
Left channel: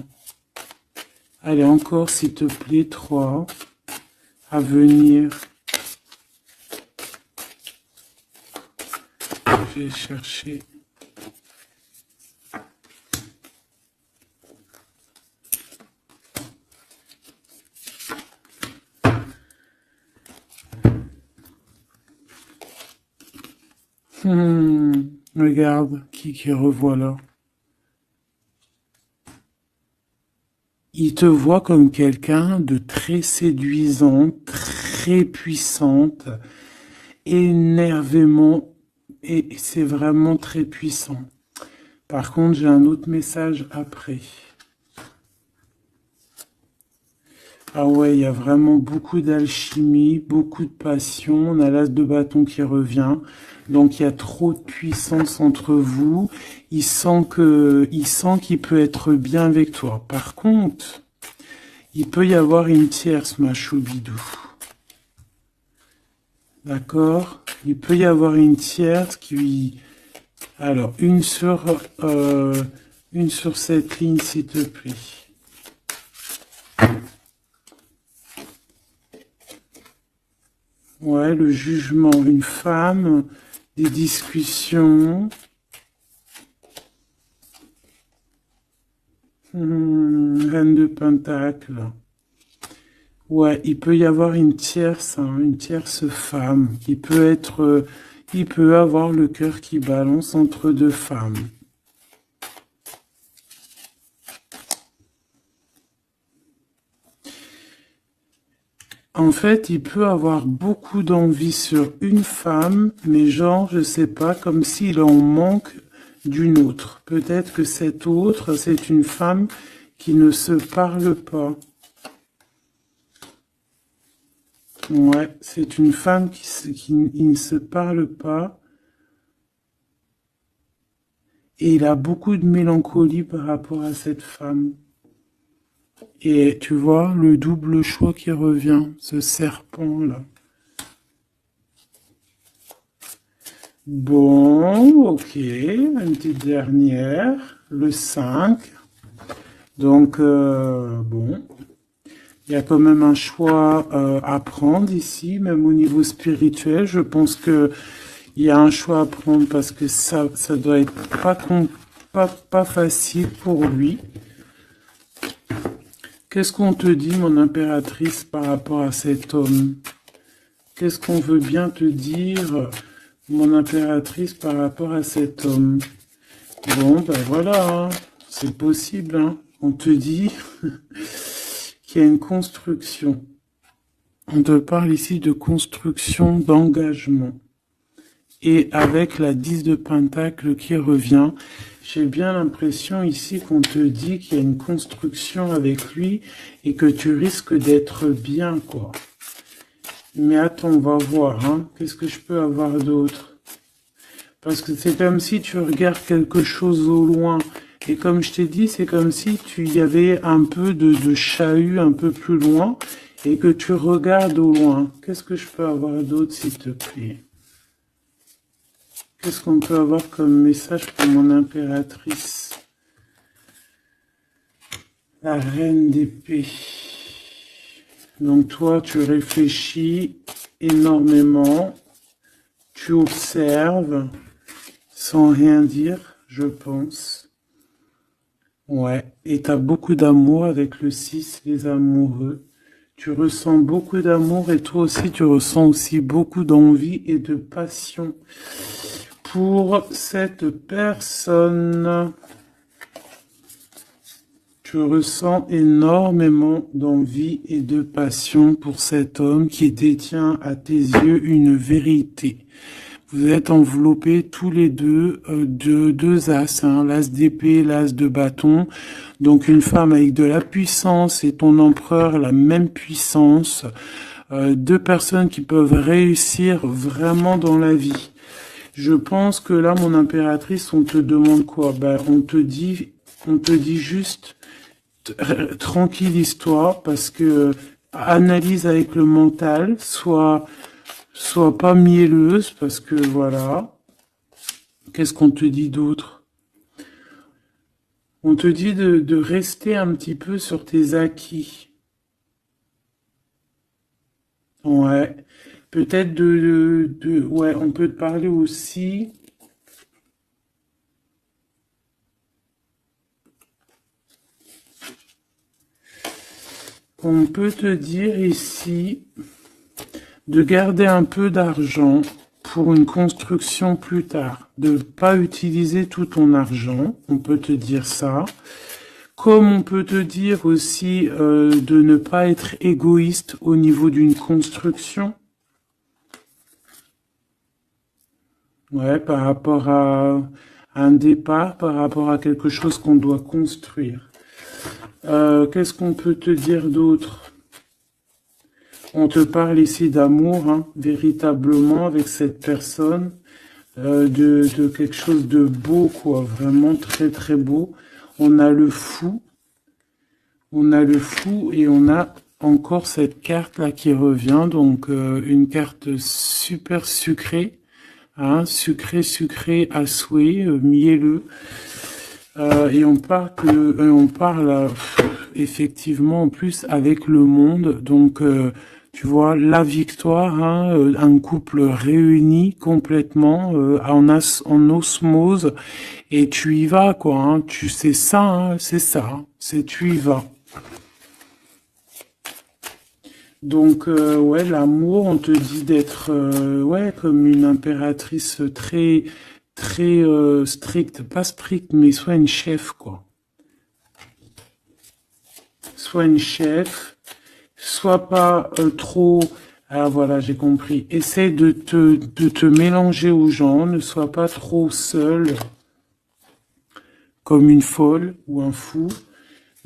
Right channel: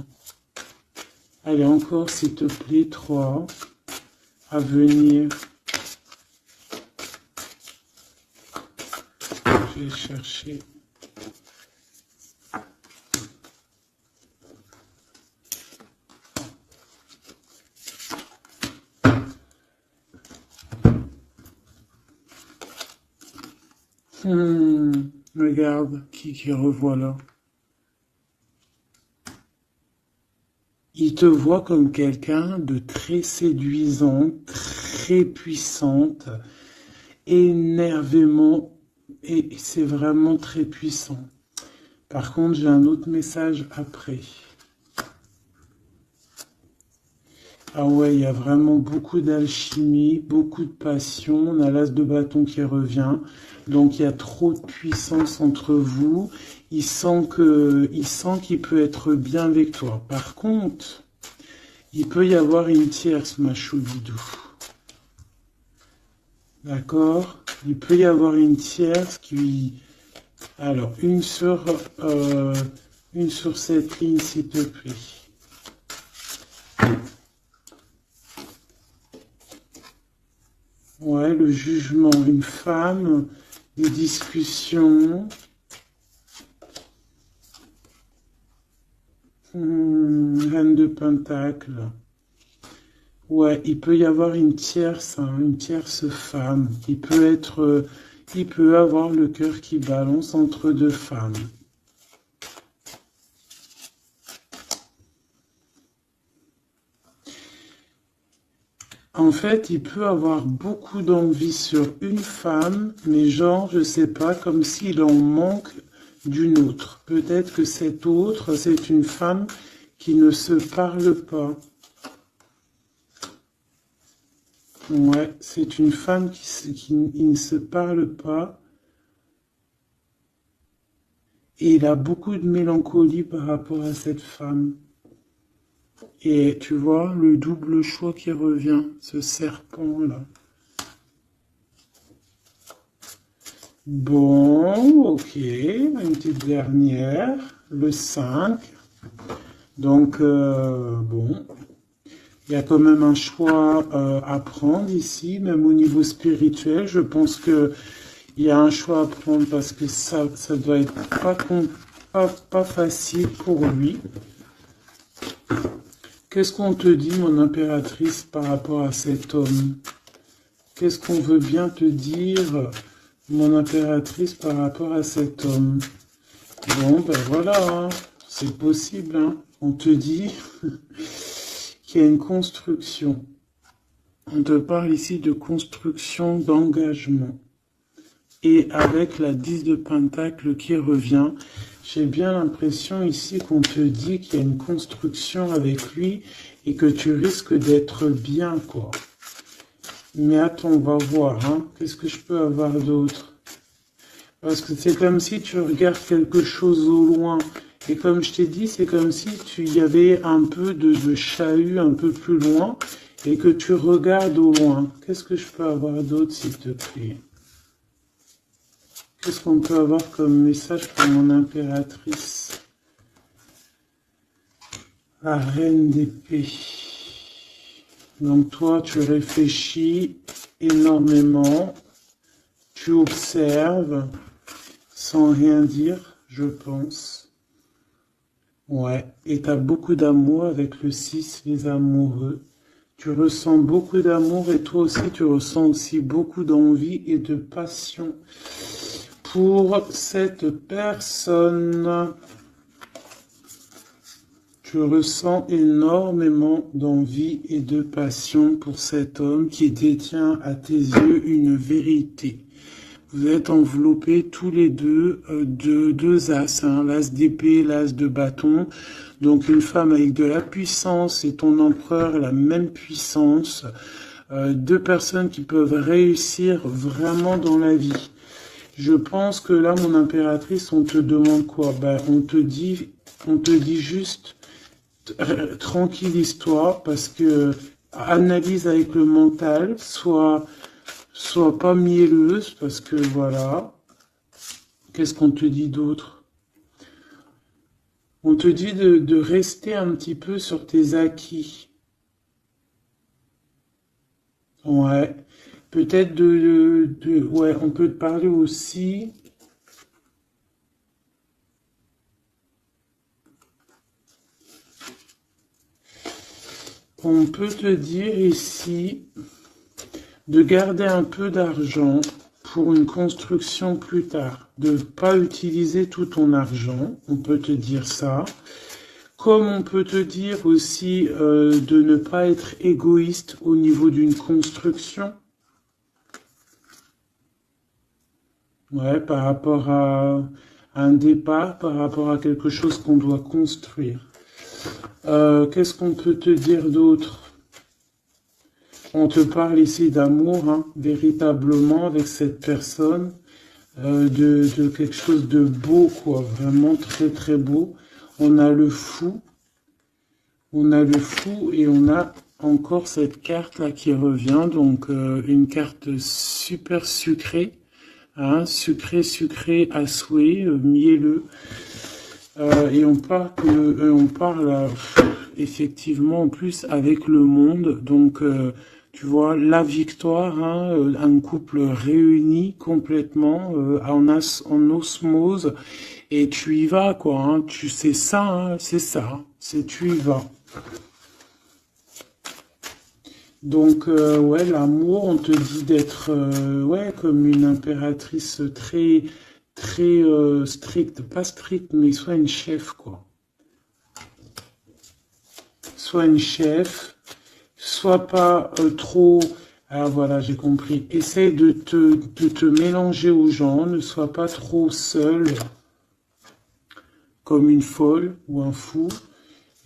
Allez, encore, s'il te plaît, 3. À venir. Je vais chercher. Regarde, qui revoit là. Il te voit comme quelqu'un de très séduisant, très puissante, énervément, et c'est vraiment très puissant. Par contre, j'ai un autre message après. Ah ouais, il y a vraiment beaucoup d'alchimie, beaucoup de passion. On a l'as de bâton qui revient. Donc il y a trop de puissance entre vous. Il sent qu'il peut être bien avec toi. Par contre, il peut y avoir une tierce, ma choubidou. D'accord? Il peut y avoir une tierce qui... Alors, une sur Une sur cette ligne, s'il te plaît. Ouais, le jugement, une femme, des discussions. Reine de Pentacle. Ouais, il peut y avoir une tierce femme. Il peut avoir le cœur qui balance entre deux femmes. En fait, il peut avoir beaucoup d'envie sur une femme, mais genre, je sais pas, comme s'il en manque d'une autre. Peut-être que cette autre, c'est une femme qui ne se parle pas. Ouais, c'est une femme qui ne se parle pas. Et il a beaucoup de mélancolie par rapport à cette femme. Et tu vois, le double choix qui revient, ce serpent-là. Bon, ok, une petite dernière, le 5. Donc, bon, il y a quand même un choix à prendre ici, même au niveau spirituel. Je pense que il y a un choix à prendre parce que ça doit être pas facile pour lui. Qu'est-ce qu'on te dit, mon impératrice, par rapport à cet homme? Qu'est-ce qu'on veut bien te dire, mon impératrice, par rapport à cet homme? Bon, ben voilà, hein, c'est possible, hein. On te dit qu'il y a une construction. On te parle ici de construction, d'engagement. Et avec la 10 de Pentacle qui revient, j'ai bien l'impression ici qu'on te dit qu'il y a une construction avec lui et que tu risques d'être bien, quoi. Mais attends, on va voir, hein. Qu'est-ce que je peux avoir d'autre? Parce que c'est comme si tu regardes quelque chose au loin. Et comme je t'ai dit, c'est comme si tu y avait un peu de chahut un peu plus loin et que tu regardes au loin. Qu'est-ce que je peux avoir d'autre, s'il te plaît? Qu'est-ce qu'on peut avoir comme message pour mon impératrice? La reine d'épée. Donc toi, tu réfléchis énormément, tu observes, sans rien dire, je pense. Ouais, et tu as beaucoup d'amour avec le 6, les amoureux. Tu ressens beaucoup d'amour et toi aussi, tu ressens aussi beaucoup d'envie et de passion pour cette personne. Tu ressens énormément d'envie et de passion pour cet homme qui détient à tes yeux une vérité. Vous êtes enveloppés tous les deux de deux as, hein, l'as d'épée, l'as de bâton. Donc une femme avec de la puissance et ton empereur la même puissance. Deux personnes qui peuvent réussir vraiment dans la vie. Je pense que là, mon impératrice, on te demande quoi? Ben, on te dit juste tranquille histoire, parce que analyse avec le mental, soit pas mielleuse, parce que voilà. Qu'est-ce qu'on te dit d'autre? On te dit de rester un petit peu sur tes acquis. Ouais. Peut-être ouais, on peut te parler aussi. On peut te dire ici de garder un peu d'argent pour une construction plus tard. De ne pas utiliser tout ton argent, on peut te dire ça. Comme on peut te dire aussi de ne pas être égoïste au niveau d'une construction. Ouais, par rapport à un départ, par rapport à quelque chose qu'on doit construire. Qu'est-ce qu'on peut te dire d'autre? On te parle ici d'amour, hein, véritablement, avec cette personne, de quelque chose de beau, quoi, vraiment très très beau. On a le fou, et on a encore cette carte-là qui revient, donc une carte super sucrée, hein, sucrée à souhait, mielleux. Et on parle effectivement en plus avec le monde. Donc, tu vois, la victoire, hein, un couple réuni complètement en osmose. Et tu y vas, quoi. Hein, tu sais ça, hein, c'est ça. Hein, c'est tu y vas. Donc, ouais, l'amour, on te dit d'être, ouais, comme une impératrice très, très stricte. Pas stricte, mais soit une chef, quoi. Soit une chef, soit pas trop... Ah, voilà, j'ai compris. Essaye de te mélanger aux gens, ne sois pas trop seul, comme une folle ou un fou.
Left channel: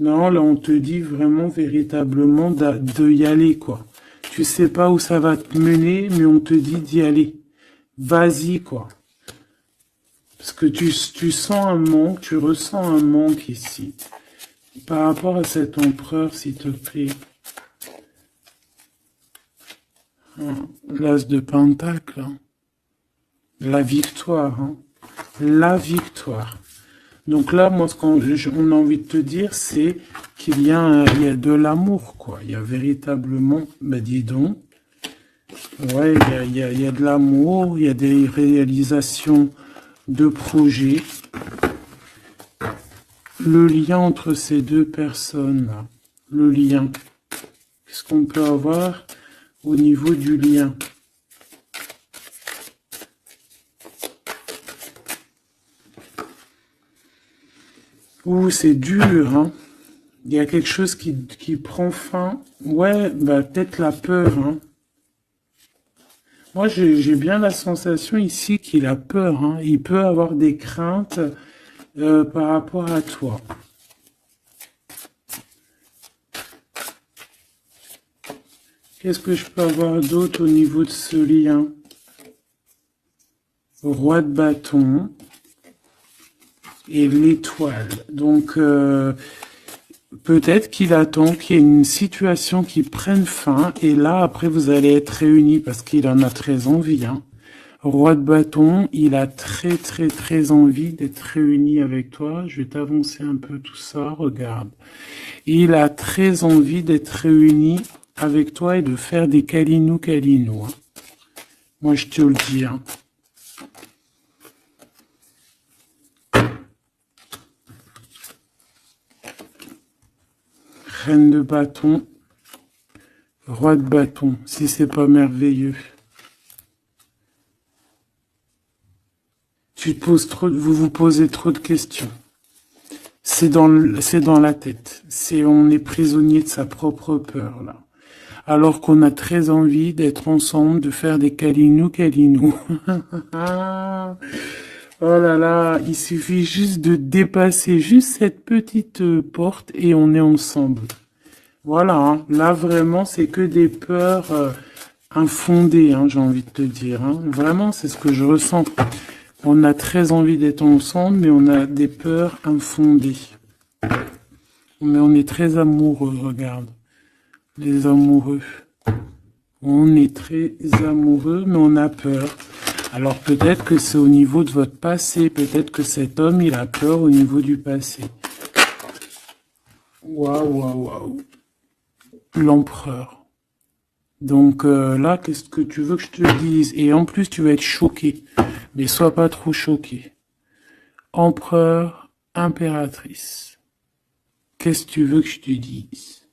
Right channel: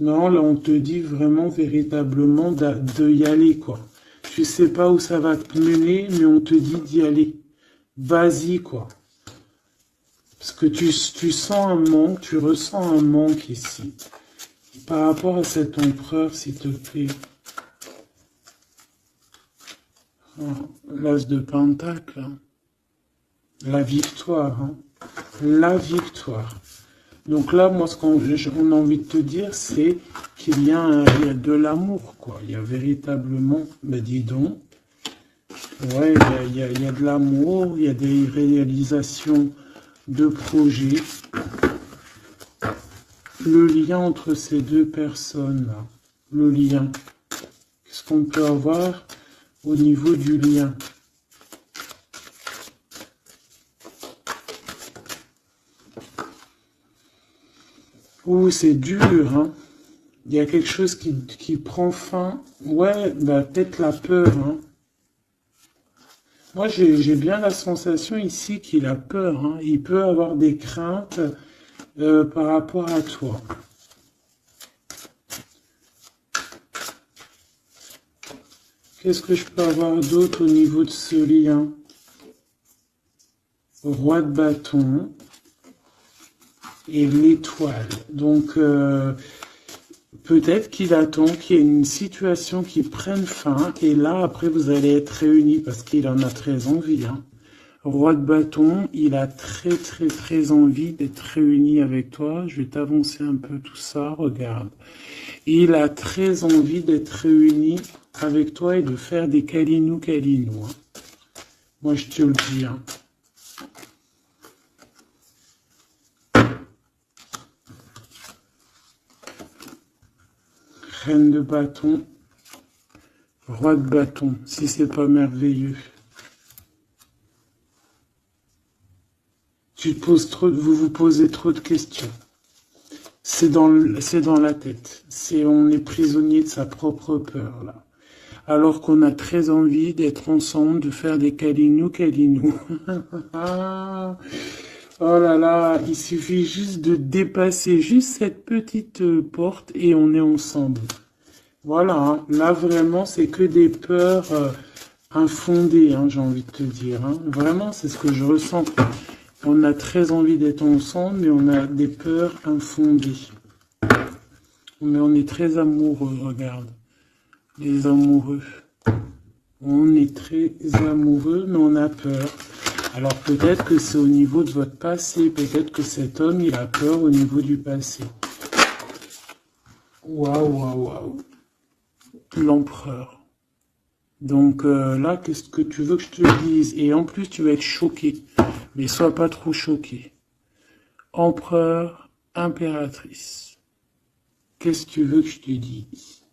Non, là, on te dit vraiment, véritablement, de y aller, quoi. Tu sais pas où ça va te mener, mais on te dit d'y aller. Vas-y, quoi. Parce que tu sens un manque, tu ressens un manque ici. Par rapport à cet empereur, s'il te plaît. L'as de Pentacle. Hein. La victoire. Hein. La victoire. Donc là, moi, ce qu'on a envie de te dire, c'est qu'il y a de l'amour, quoi. Il y a véritablement, ben dis donc, ouais, il y a de l'amour, il y a des réalisations de projets. Le lien entre ces deux personnes, là, le lien, qu'est-ce qu'on peut avoir au niveau du lien? Oh, c'est dur, hein. Il y a quelque chose qui prend fin. Ouais, bah, peut-être la peur, hein. Moi, j'ai bien la sensation ici qu'il a peur, hein. Il peut avoir des craintes par rapport à toi. Qu'est-ce que je peux avoir d'autre au niveau de ce lien? Roi de bâton et l'étoile. Donc, peut-être qu'il attend qu'il y ait une situation qui prenne fin. Et là, après, vous allez être réunis parce qu'il en a très envie. Hein. Roi de bâton, il a très, très, très envie d'être réuni avec toi. Je vais t'avancer un peu tout ça. Regarde. Il a très envie d'être réuni avec toi et de faire des câlinous. Hein. Moi, je te le dis. Hein. Reine de bâton, roi de bâton, si c'est pas merveilleux. Vous vous posez trop de questions. C'est dans la tête. On est prisonnier de sa propre peur, là. Alors qu'on a très envie d'être ensemble, de faire des câlinous. Oh là là, il suffit juste de dépasser juste cette petite porte et on est ensemble. Voilà, hein. Là vraiment c'est que des peurs infondées, hein, j'ai envie de te dire. Hein. Vraiment c'est ce que je ressens. On a très envie d'être ensemble, mais on a des peurs infondées. Mais on est très amoureux, regarde. Les amoureux. On est très amoureux, mais on a peur. Alors peut-être que c'est au niveau de votre passé, peut-être que cet homme, il a peur au niveau du passé. Waouh. L'empereur. Donc là, qu'est-ce que tu veux que je te dise? Et en plus, tu vas être choqué. Mais sois pas trop choqué. Empereur, impératrice. Qu'est-ce que tu veux que je te dise?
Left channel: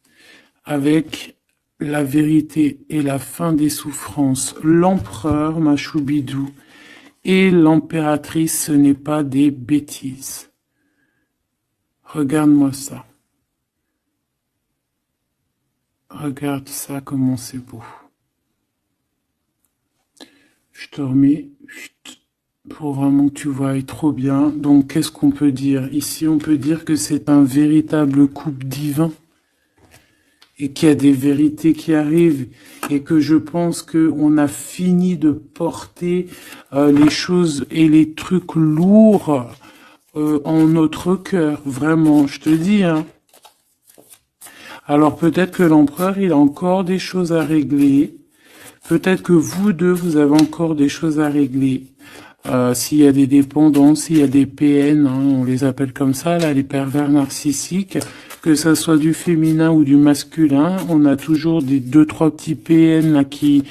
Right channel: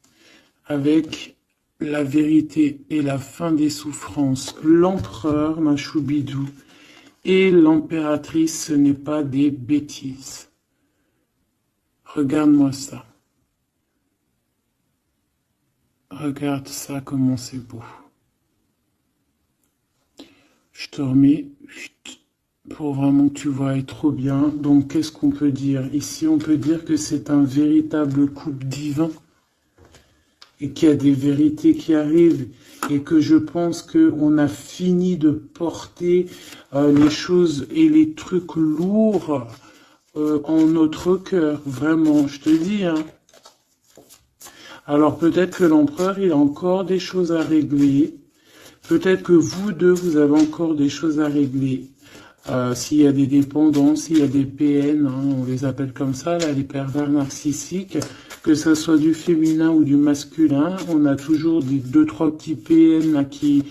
Avec la vérité et la fin des souffrances, l'empereur, ma choubidou, et l'impératrice, ce n'est pas des bêtises. Regarde-moi ça. Regarde ça, comment c'est beau. Je te remets pour vraiment que tu vois trop bien. Donc, qu'est-ce qu'on peut dire? Ici, on peut dire que c'est un véritable couple divin. Et qu'il y a des vérités qui arrivent et que je pense qu'on a fini de porter les choses et les trucs lourds en notre cœur, vraiment, je te dis. Hein. Alors peut-être que l'empereur, il a encore des choses à régler. Peut-être que vous deux, vous avez encore des choses à régler. S'il y a des dépendances, s'il y a des PN, hein, on les appelle comme ça, là, les pervers narcissiques, que ça soit du féminin ou du masculin, on a toujours des 2-3 petits PN là, qui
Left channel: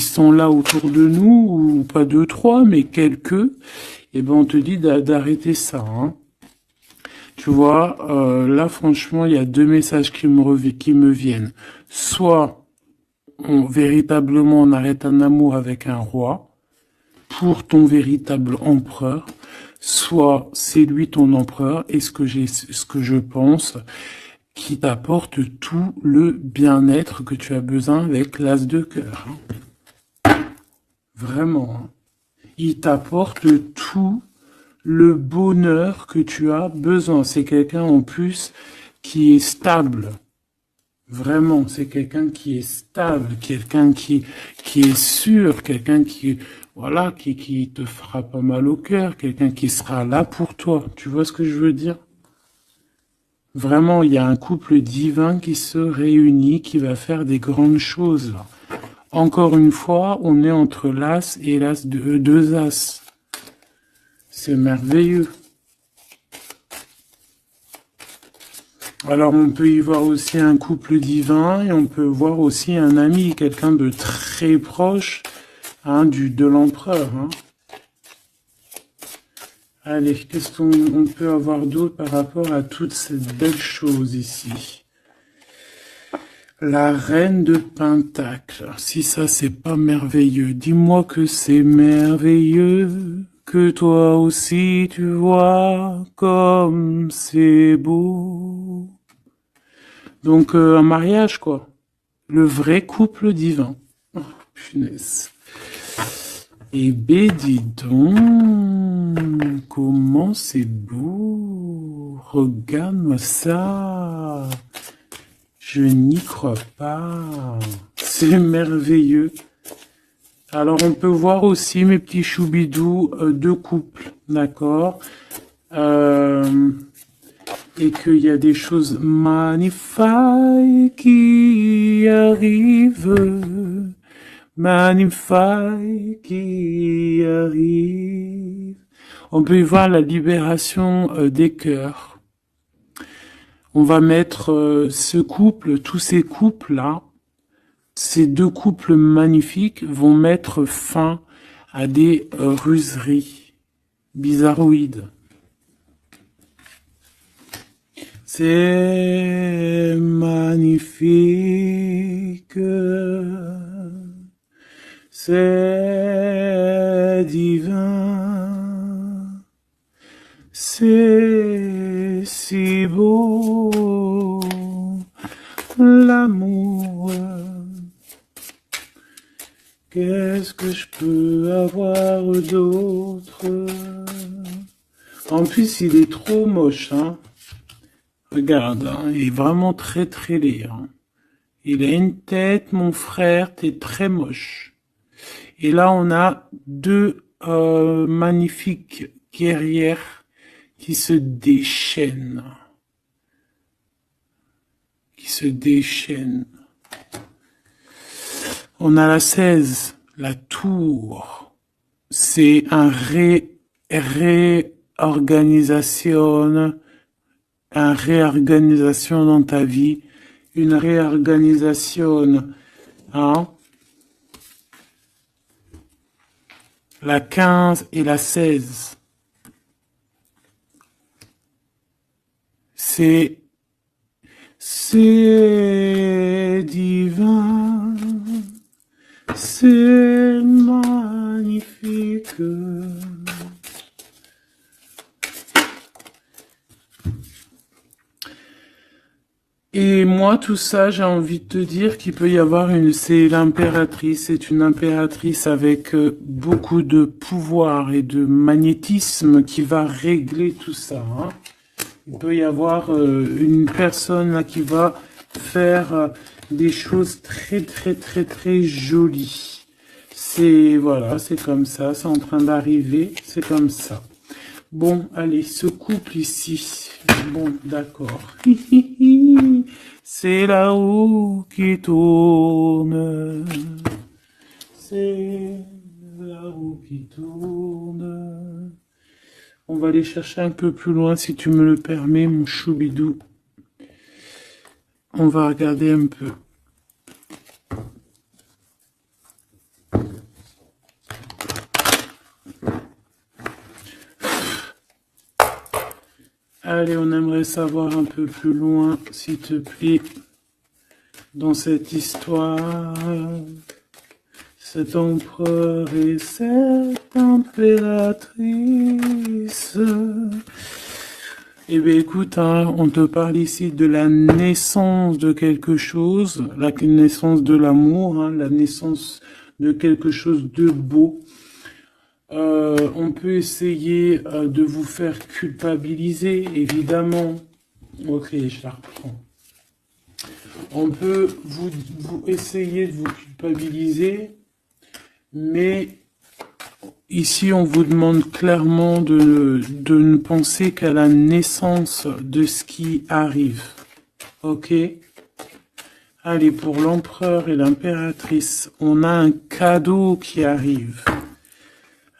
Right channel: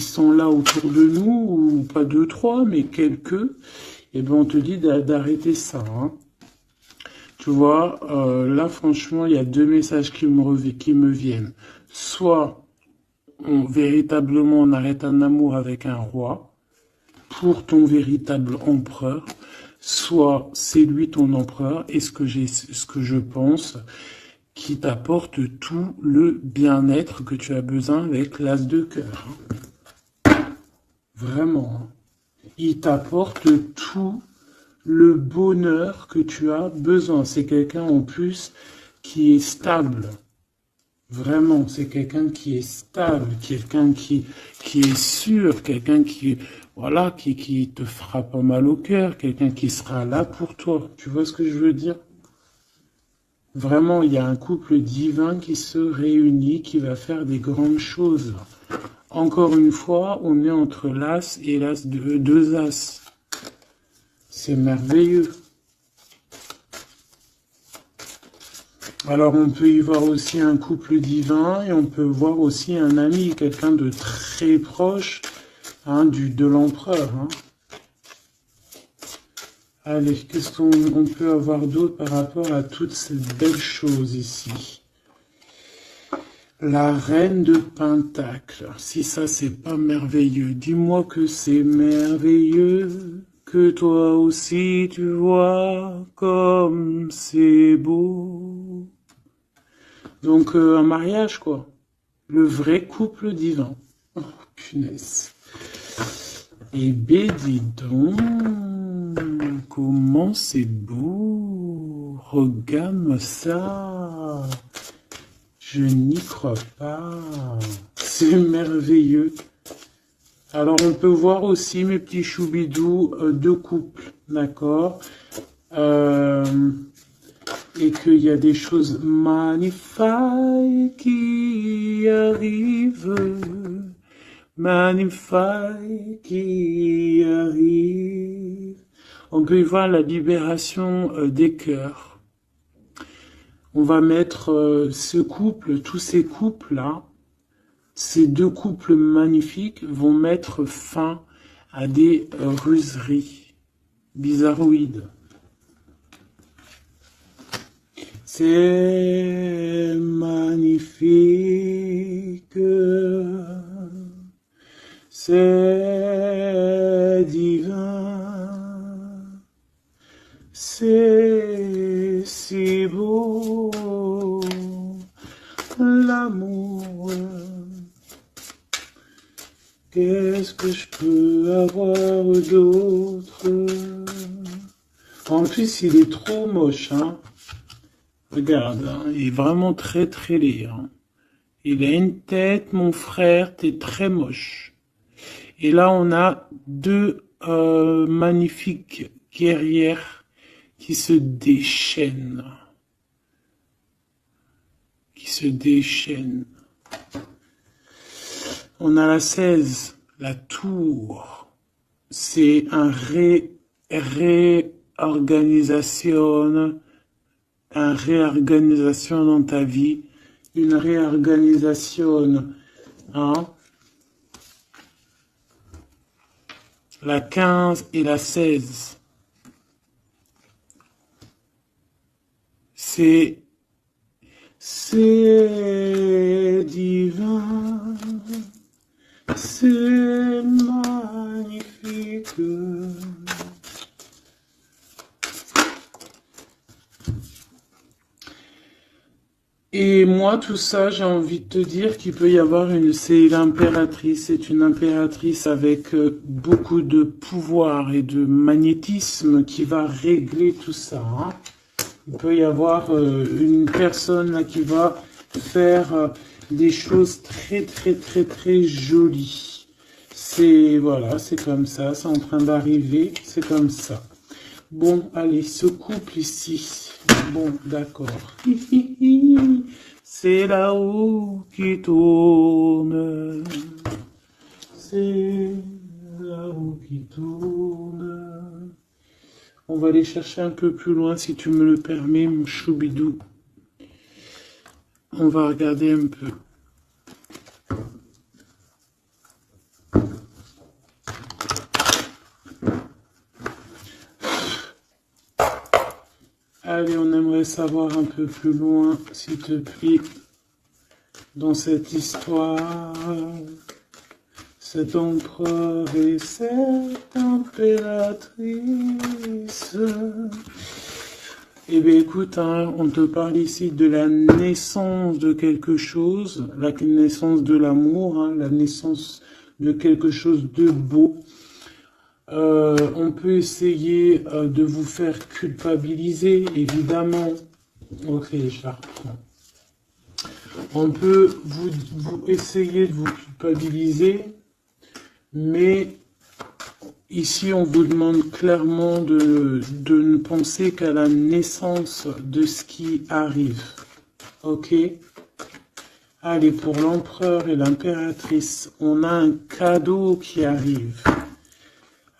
sont là autour de nous, ou pas 2-3, mais quelques, et ben on te dit d'arrêter ça. Hein. Tu vois, là franchement, il y a 2 messages qui me viennent. Soit véritablement on arrête un amour avec un roi, pour ton véritable empereur, soit c'est lui ton empereur, et ce que je pense, qui t'apporte tout le bien-être que tu as besoin avec l'as de cœur. Vraiment. Il t'apporte tout le bonheur que tu as besoin. C'est quelqu'un en plus qui est stable. Vraiment, c'est quelqu'un qui est stable, quelqu'un qui est sûr, quelqu'un qui, voilà, qui te fera pas mal au cœur, quelqu'un qui sera là pour toi. Tu vois ce que je veux dire? Vraiment, il y a un couple divin qui se réunit, qui va faire des grandes choses. Encore une fois, on est entre l'as et l'as de 2 as. C'est merveilleux. Alors, on peut y voir aussi un couple divin et on peut voir aussi un ami, quelqu'un de très proche hein, de l'empereur. Hein. Allez, qu'est-ce qu'on peut avoir d'autre par rapport à toutes ces belles choses ici? La reine de Pentacle. Si ça, c'est pas merveilleux, dis-moi que c'est merveilleux. Que toi aussi tu vois comme c'est beau. Donc un mariage quoi. Le vrai couple divin. Oh, punaise. Eh ben dis donc, comment c'est beau. Regarde-moi ça. Je n'y crois pas. C'est merveilleux. Alors, on peut voir aussi, mes petits choubidous, 2 couples, d'accord et qu'il y a des choses magnifiques qui arrivent, magnifiques qui arrivent. On peut y voir la libération des cœurs. On va mettre ce couple, tous ces couples-là, ces 2 couples magnifiques vont mettre fin à des ruseries bizarroïdes. C'est magnifique, c'est divin, c'est si beau, l'amour. Qu'est-ce que je peux avoir d'autre? En plus, il est trop moche, hein. Regarde, hein, il est vraiment très très laid. Hein. Il a une tête, mon frère, t'es très moche. Et là, on a 2 magnifiques guerrières qui se déchaînent. On a la 16, la tour. C'est un réorganisation dans ta vie, une réorganisation, hein. La 15 et la 16. C'est divin, c'est magnifique. Et moi, tout ça, j'ai envie de te dire qu'il peut y avoir c'est l'impératrice, c'est une impératrice avec beaucoup de pouvoir et de magnétisme qui va régler tout ça. Hein. Il peut y avoir une personne là, qui va faire des choses très très très très jolies. Voilà, c'est comme ça, c'est en train d'arriver, c'est comme ça. Bon, allez, ce couple ici. Bon, d'accord. C'est là-haut qui tourne. C'est là la roue qui tourne. On va aller chercher un peu plus loin, si tu me le permets, mon choubidou. On va regarder un peu. Allez, on aimerait savoir un peu plus loin, s'il te plaît, dans cette histoire. Cet empereur et cette impératrice. Eh bien, écoute, hein, on te parle ici de la naissance de quelque chose, la naissance de l'amour, hein, la naissance de quelque chose de beau. On peut essayer de vous faire culpabiliser, évidemment. Ok, je la reprends. On peut vous essayer de vous culpabiliser, mais ici on vous demande clairement de ne penser qu'à la naissance de ce qui arrive. Ok? Allez, pour l'empereur et l'impératrice, on a un cadeau qui arrive.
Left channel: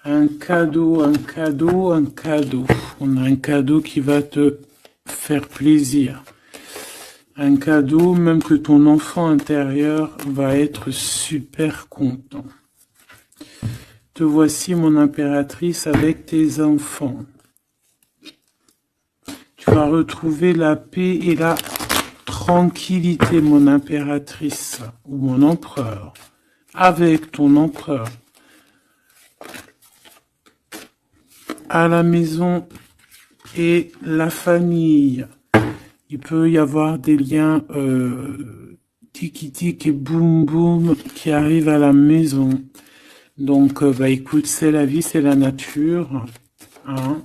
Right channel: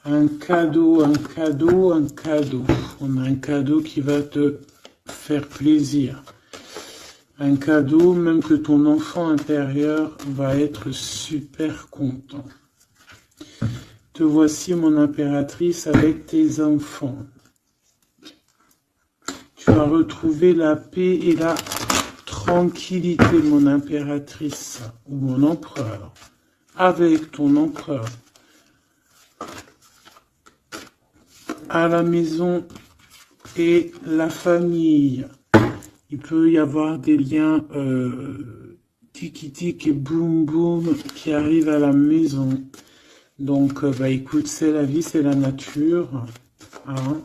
Un cadeau, un cadeau, un cadeau. On a un cadeau qui va te faire plaisir. Un cadeau, même que ton enfant intérieur va être super content. Te voici, mon impératrice, avec tes enfants. Tu vas retrouver la paix et la tranquillité, mon impératrice, ou mon empereur, avec ton empereur. À la maison et la famille. Il peut y avoir des liens tiki-tic et boum-boum qui arrivent à la maison. Donc, bah écoute, c'est la vie, c'est la nature. Hein.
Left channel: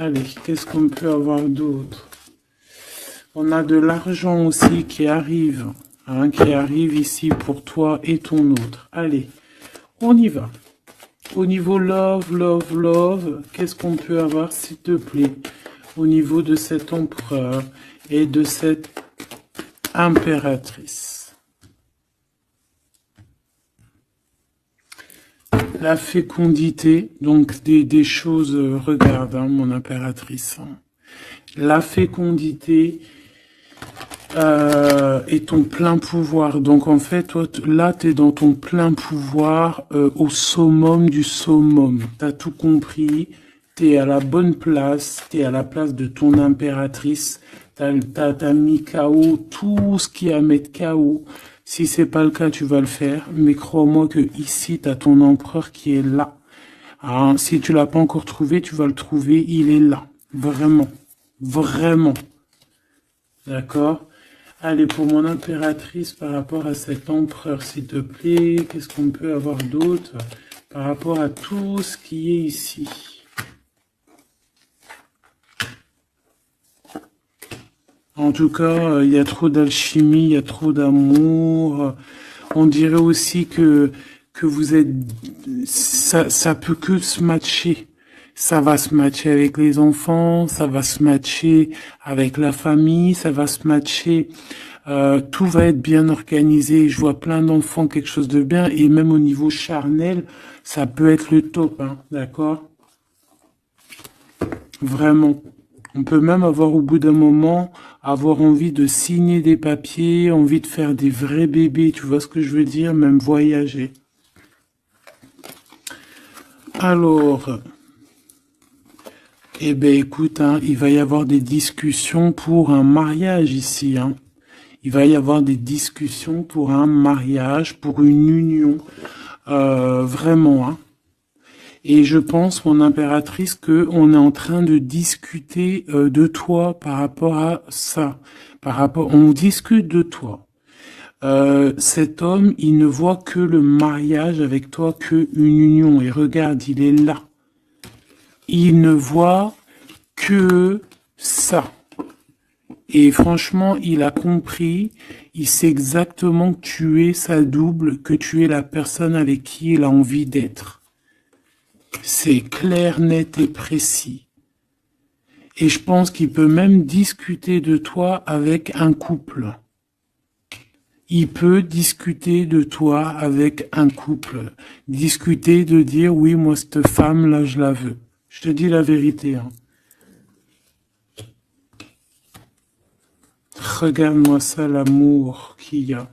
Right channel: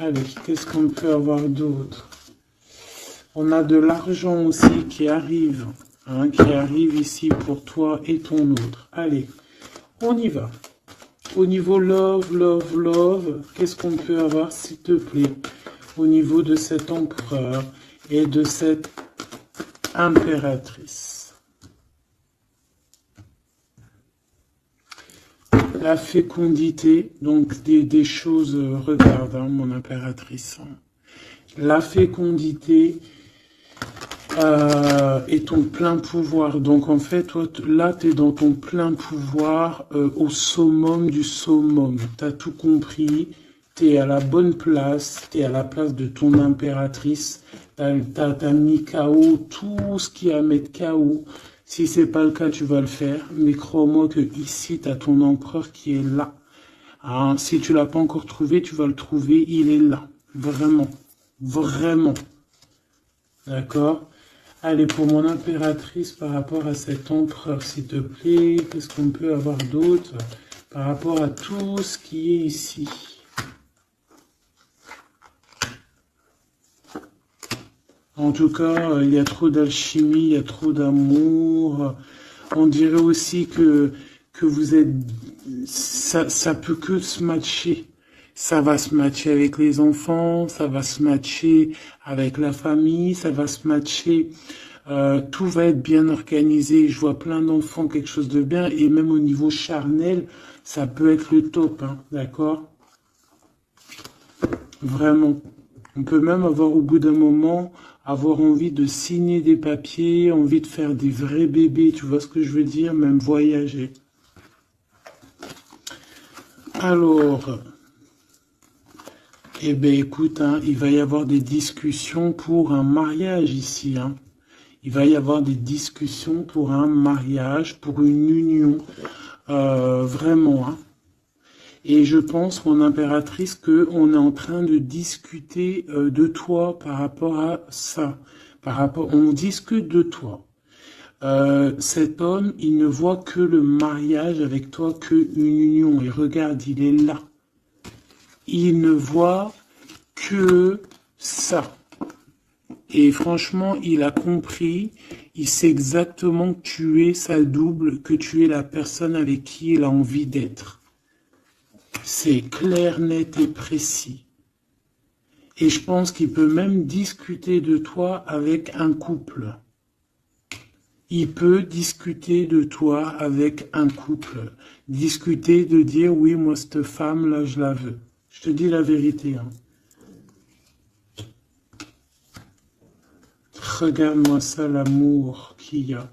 Allez, qu'est-ce qu'on peut avoir d'autre? On a de l'argent aussi qui arrive. Hein, qui arrive ici pour toi et ton autre. Allez, on y va. Au niveau love, love, love, qu'est-ce qu'on peut avoir, s'il te plaît? Au niveau de cet empereur et de cette impératrice. La fécondité, donc des choses, regarde, hein, mon impératrice. La fécondité et ton plein pouvoir. Donc en fait, toi, là, tu es dans ton plein pouvoir au summum du summum. Tu as tout compris. Tu es à la bonne place, tu es à la place de ton impératrice, t'as mis KO tout ce qui est à mettre KO. Si c'est pas le cas, tu vas le faire, mais crois-moi que ici, tu as ton empereur qui est là. Alors, si tu l'as pas encore trouvé, tu vas le trouver, il est là. Vraiment. Vraiment. D'accord? Allez, pour mon impératrice, par rapport à cet empereur, s'il te plaît, qu'est-ce qu'on peut avoir d'autre par rapport à tout ce qui est ici? En tout cas, il y a trop d'alchimie, il y a trop d'amour. On dirait aussi que vous êtes... Ça peut que se matcher. Ça va se matcher avec les enfants, ça va se matcher avec la famille, ça va se matcher... tout va être bien organisé. Je vois plein d'enfants, quelque chose de bien. Et même au niveau charnel, ça peut être le top, hein, d'accord? Vraiment. On peut même avoir au bout d'un moment, avoir envie de signer des papiers, envie de faire des vrais bébés, tu vois ce que je veux dire, même voyager. Alors, eh ben écoute, hein, il va y avoir des discussions pour un mariage ici. Hein. Il va y avoir des discussions pour un mariage, pour une union, vraiment. Hein. Et je pense, mon impératrice, qu'on est en train de discuter de toi par rapport à ça. On discute de toi. Cet homme, il ne voit que le mariage avec toi, qu'une union. Et regarde, il est là. Il ne voit que ça. Et franchement, il a compris, il sait exactement que tu es sa double, que tu es la personne avec qui il a envie d'être. C'est clair, net et précis. Et je pense qu'il peut même discuter de toi avec un couple. il peut discuter de toi avec un couple. Discuter de dire, oui, moi, cette femme-là, je la veux. Je te dis la vérité, hein. Regarde-moi ça, l'amour qu'il y a.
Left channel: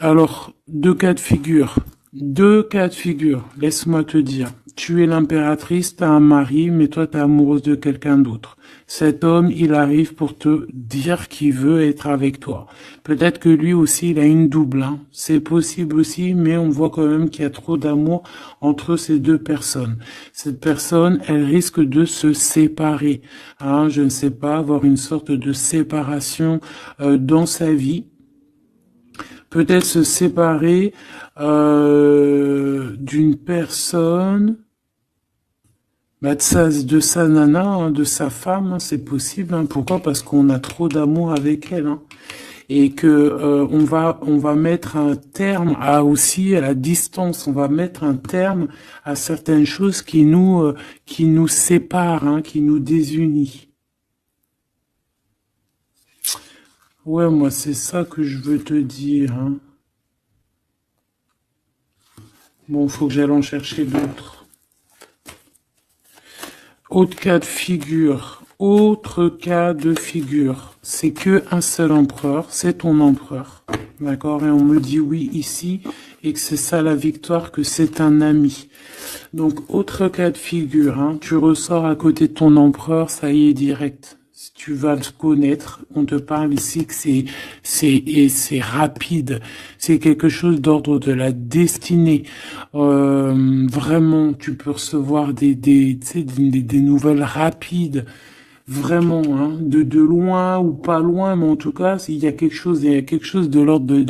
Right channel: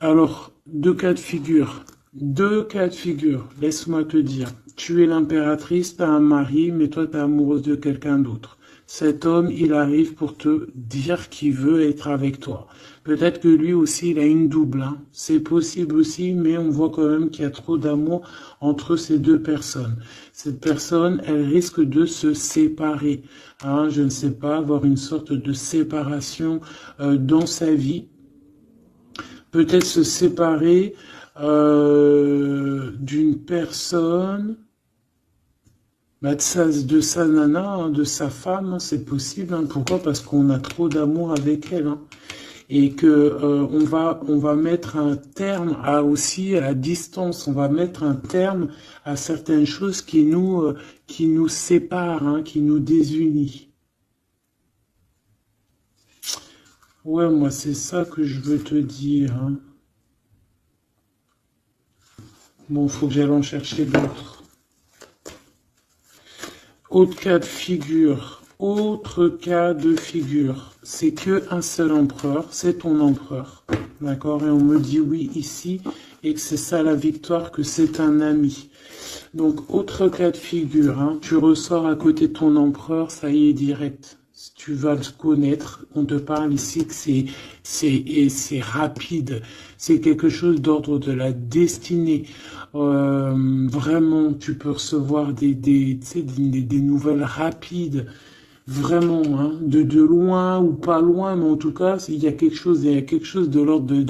Alors, deux cas de figure. Deux cas de figure. Laisse-moi te dire. Tu es l'impératrice, t'as un mari, mais toi, t'es amoureuse de quelqu'un d'autre. Cet homme, il arrive pour te dire qu'il veut être avec toi. Peut-être que lui aussi, il a une double, hein. C'est possible aussi, mais on voit quand même qu'il y a trop d'amour entre ces deux personnes. Cette personne, elle risque de se séparer, hein. Je ne sais pas, avoir une sorte de séparation dans sa vie. Peut-être se séparer d'une personne, bah, de sa nana, hein, de sa femme, hein, c'est possible, hein. Pourquoi? Parce qu'on a trop d'amour avec elle, hein. Et que on va mettre un terme à aussi à la distance. On va mettre un terme à certaines choses qui nous séparent, hein, qui nous désunissent. Ouais, moi c'est ça que je veux te dire, hein. Bon, faut que j'aille en chercher d'autres. Autre cas de figure, c'est que un seul empereur, c'est ton empereur, d'accord? Et on me dit oui ici, et que c'est ça la victoire, que c'est un ami. Donc, autre cas de figure, hein, tu ressors à côté de ton empereur, ça y est, direct. Si tu vas le connaître, on te parle ici que c'est rapide, c'est quelque chose d'ordre de la destinée. Vraiment, tu peux recevoir tu sais, des nouvelles rapides, vraiment, hein, de loin ou pas loin, mais en tout cas, il y a quelque chose de l'ordre de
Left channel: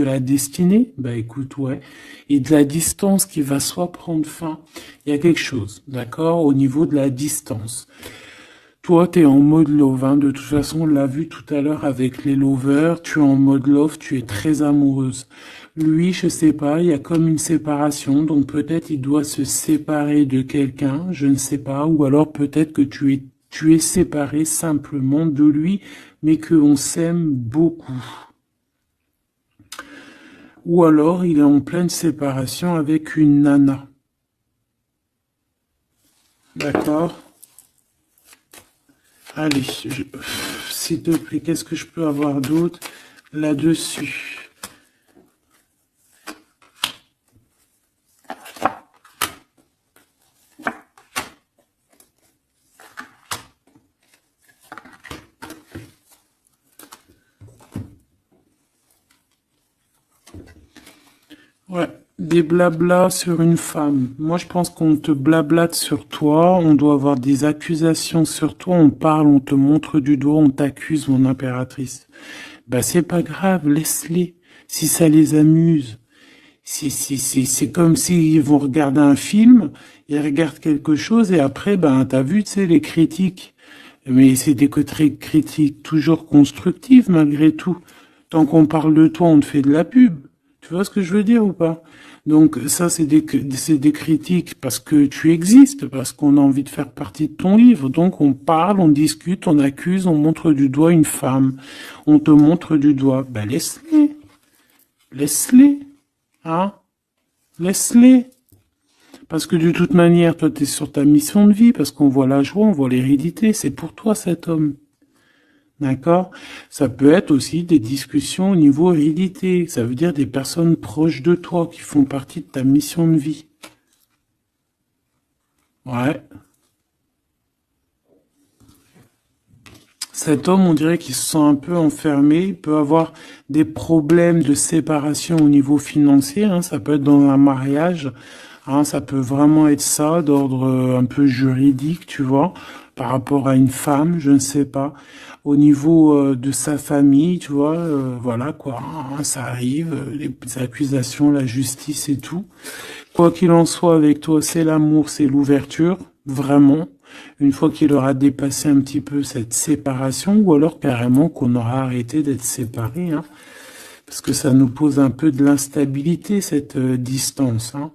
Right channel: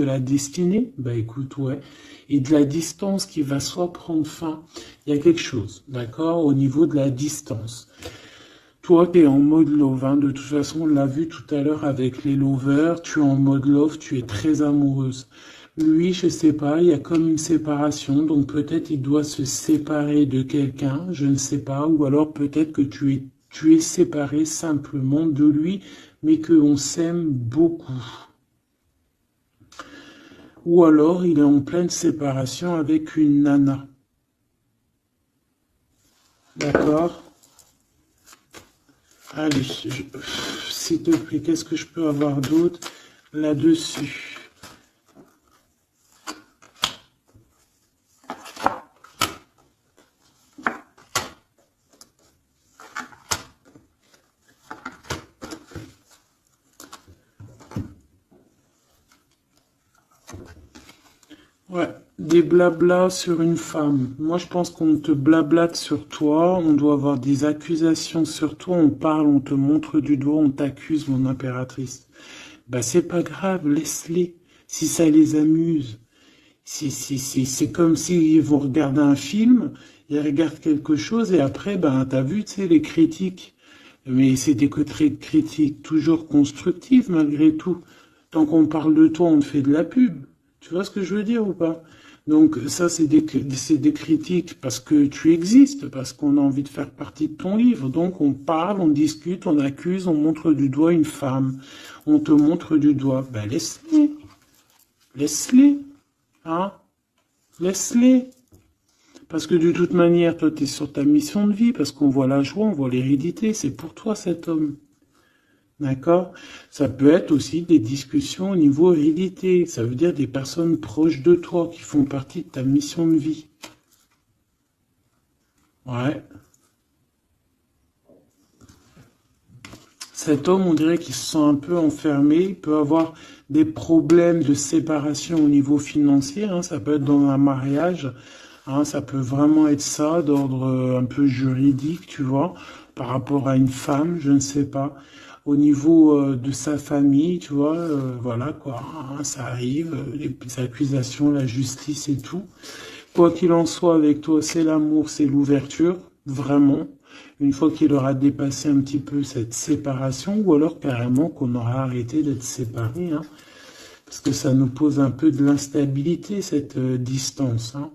la destinée, bah écoute, ouais, et de la distance qui va soit prendre fin, il y a quelque chose, d'accord, au niveau de la distance. Toi, tu es en mode love, hein. De toute façon, on l'a vu tout à l'heure avec les lovers, tu es en mode love, tu es très amoureuse. Lui, je sais pas, il y a comme une séparation, donc peut-être il doit se séparer de quelqu'un, je ne sais pas, ou alors peut-être que tu es séparé simplement de lui, mais qu'on s'aime beaucoup. Ou alors il est en pleine séparation avec une nana. D'accord? Allez, s'il te plaît, qu'est-ce que je peux avoir d'autre là-dessus? Ouais, des blablas sur une femme. Moi, je pense qu'on te blablate sur toi, on doit avoir des accusations sur toi, on parle, on te montre du doigt, on t'accuse, mon impératrice. Bah, c'est pas grave, laisse-les. Si ça les amuse. C'est comme s'ils vont regarder un film, ils regardent quelque chose et après, ben, t'as vu, tu sais, les critiques. Mais c'est des côtés critiques toujours constructives malgré tout. Tant qu'on parle de toi, on te fait de la pub. Tu vois ce que je veux dire ou pas? Donc ça, c'est des critiques parce que tu existes, parce qu'on a envie de faire partie de ton livre. Donc on parle, on discute, on accuse, on montre du doigt une femme. On te montre du doigt. Ben laisse-les. Laisse-les. Hein? Laisse-les. Parce que de toute manière, toi, tu es sur ta mission de vie, parce qu'on voit la joie, on voit l'hérédité. C'est pour toi cet homme. D'accord? Ça peut être aussi des discussions au niveau hérédité. Ça veut dire des personnes proches de toi qui font partie de ta mission de vie. Ouais. Cet homme, on dirait qu'il se sent un peu enfermé. Il peut avoir des problèmes de séparation au niveau financier, hein. Ça peut être dans un mariage, hein. Ça peut vraiment être ça, d'ordre un peu juridique, tu vois, par rapport à une femme, je ne sais pas. Au niveau de sa famille, tu vois, voilà quoi, hein, ça arrive, les accusations, la justice et tout. Quoi qu'il en soit avec toi, c'est l'amour, c'est l'ouverture, vraiment. Une fois qu'il aura dépassé un petit peu cette séparation, ou alors carrément qu'on aura arrêté d'être séparés, hein, parce que ça nous pose un peu de l'instabilité, cette distance, hein.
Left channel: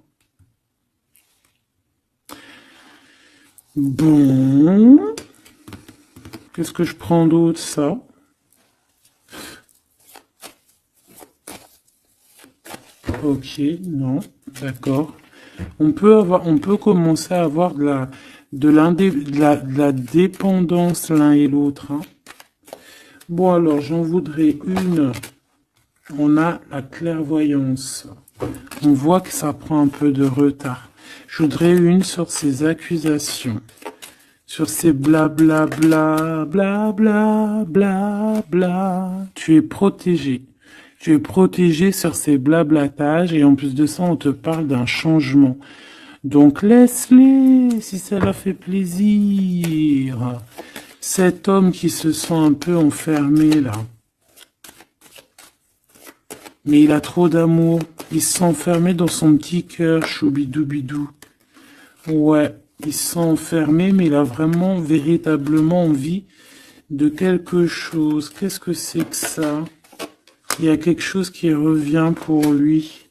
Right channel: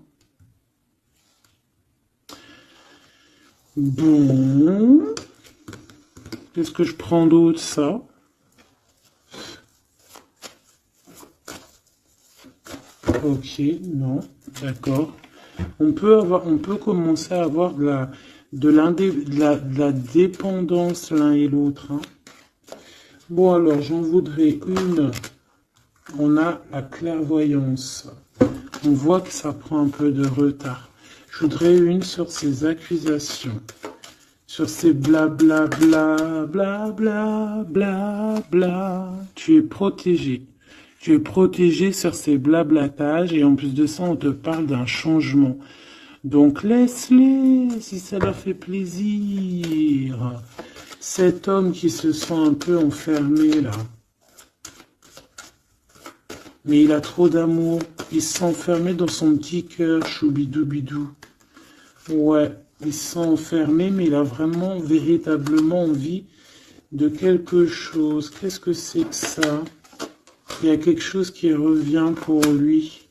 Bon, Qu'est-ce que je prends d'autre? Ça. Ok, non, d'accord. On peut commencer à avoir de la dépendance l'un et l'autre, hein. Bon, alors, j'en voudrais une. On a la clairvoyance. On voit que ça prend un peu de retard. Je voudrais une sur ces accusations. Sur ces blabla, bla, bla, bla, bla, bla. Tu es protégé. Tu es protégé sur ces blablatages et en plus de ça, on te parle d'un changement. Donc laisse-les si ça leur fait plaisir. Cet homme qui se sent un peu enfermé là. Mais il a trop d'amour. Il se sent enfermé dans son petit cœur, choubidoubidou. Ouais, il se sent enfermé, mais il a vraiment, véritablement envie de quelque chose. Qu'est-ce que c'est que ça? Il y a quelque chose qui revient pour lui.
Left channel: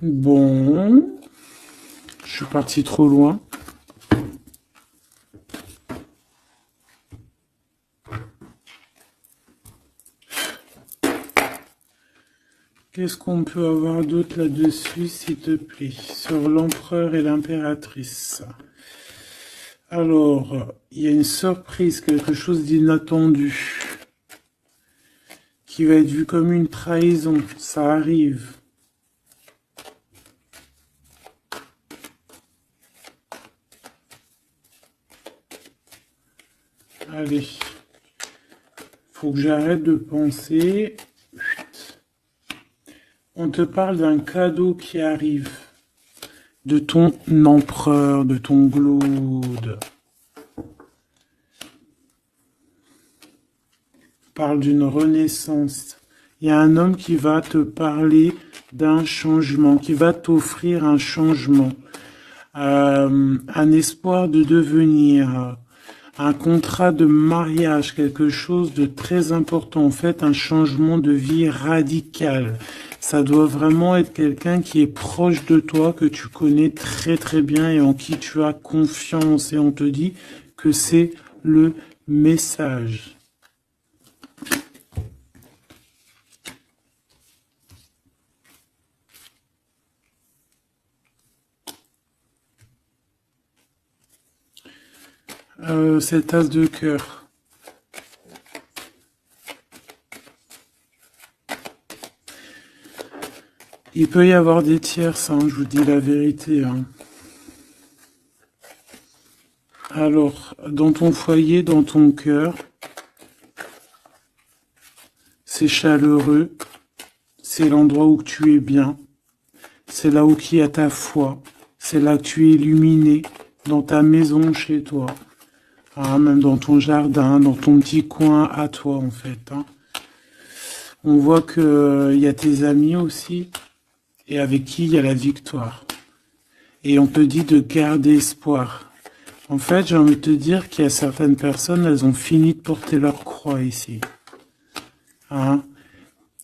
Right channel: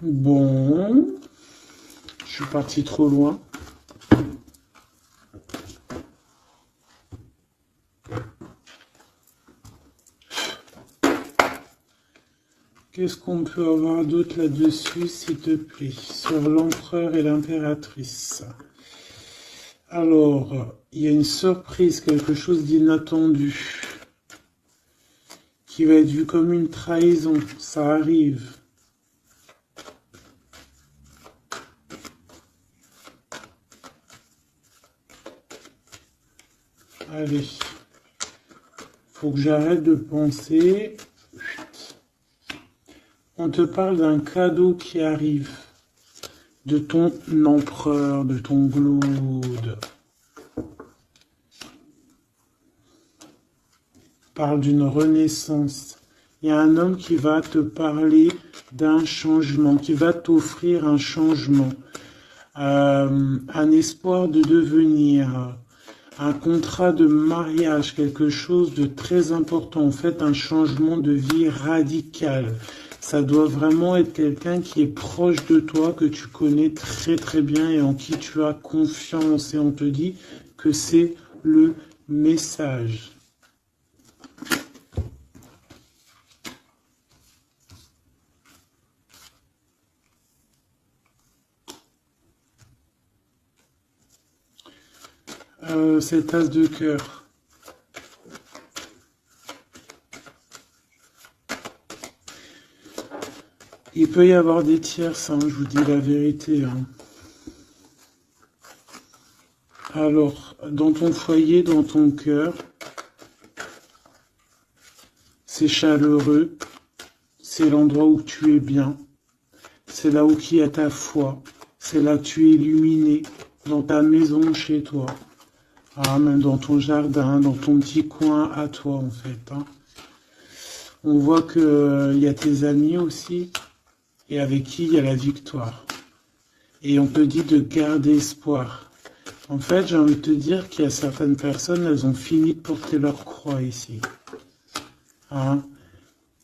Bon, je suis parti trop loin. Qu'est-ce qu'on peut avoir d'autre là-dessus, s'il te plaît, sur l'empereur et l'impératrice? Alors, il y a une surprise, quelque chose d'inattendu, qui va être vu comme une trahison. Ça arrive. Allez, faut que j'arrête de penser. On te parle d'un cadeau qui arrive, de ton empereur, de ton Glaude. Parle d'une renaissance. Il y a un homme qui va te parler d'un changement, qui va t'offrir un changement, un espoir de devenir, un contrat de mariage, quelque chose de très important, en fait, un changement de vie radical. Ça doit vraiment être quelqu'un qui est proche de toi, que tu connais très très bien et en qui tu as confiance. Et on te dit que c'est le message. Cette as de cœur. Il peut y avoir des tierces, hein, je vous dis la vérité, hein. Alors, dans ton foyer, dans ton cœur, c'est chaleureux, c'est l'endroit où tu es bien, c'est là où il y a ta foi, c'est là que tu es illuminé, dans ta maison, chez toi, hein, même dans ton jardin, dans ton petit coin à toi, en fait, hein. On voit que y a tes amis aussi, et avec qui il y a la victoire. Et on te dit de garder espoir. En fait, j'ai envie de te dire qu'il y a certaines personnes, elles ont fini de porter leur croix ici, hein.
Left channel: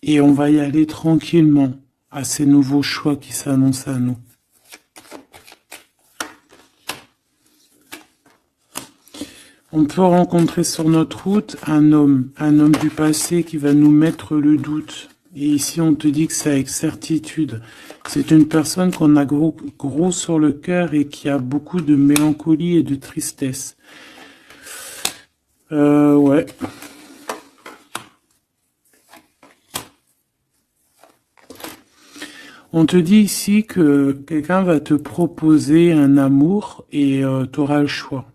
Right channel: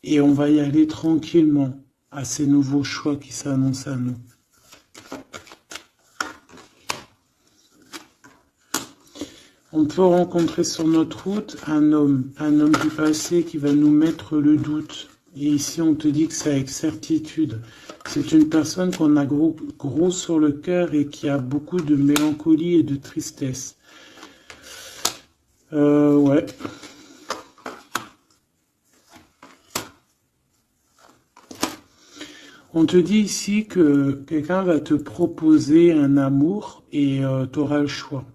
Et on va y aller tranquillement à ces nouveaux choix qui s'annoncent à nous. On peut rencontrer sur notre route un homme du passé qui va nous mettre le doute. Et ici, on te dit que c'est avec certitude. C'est une personne qu'on a gros sur le cœur et qui a beaucoup de mélancolie et de tristesse. Ouais. On te dit ici que quelqu'un va te proposer un amour et tu auras le choix.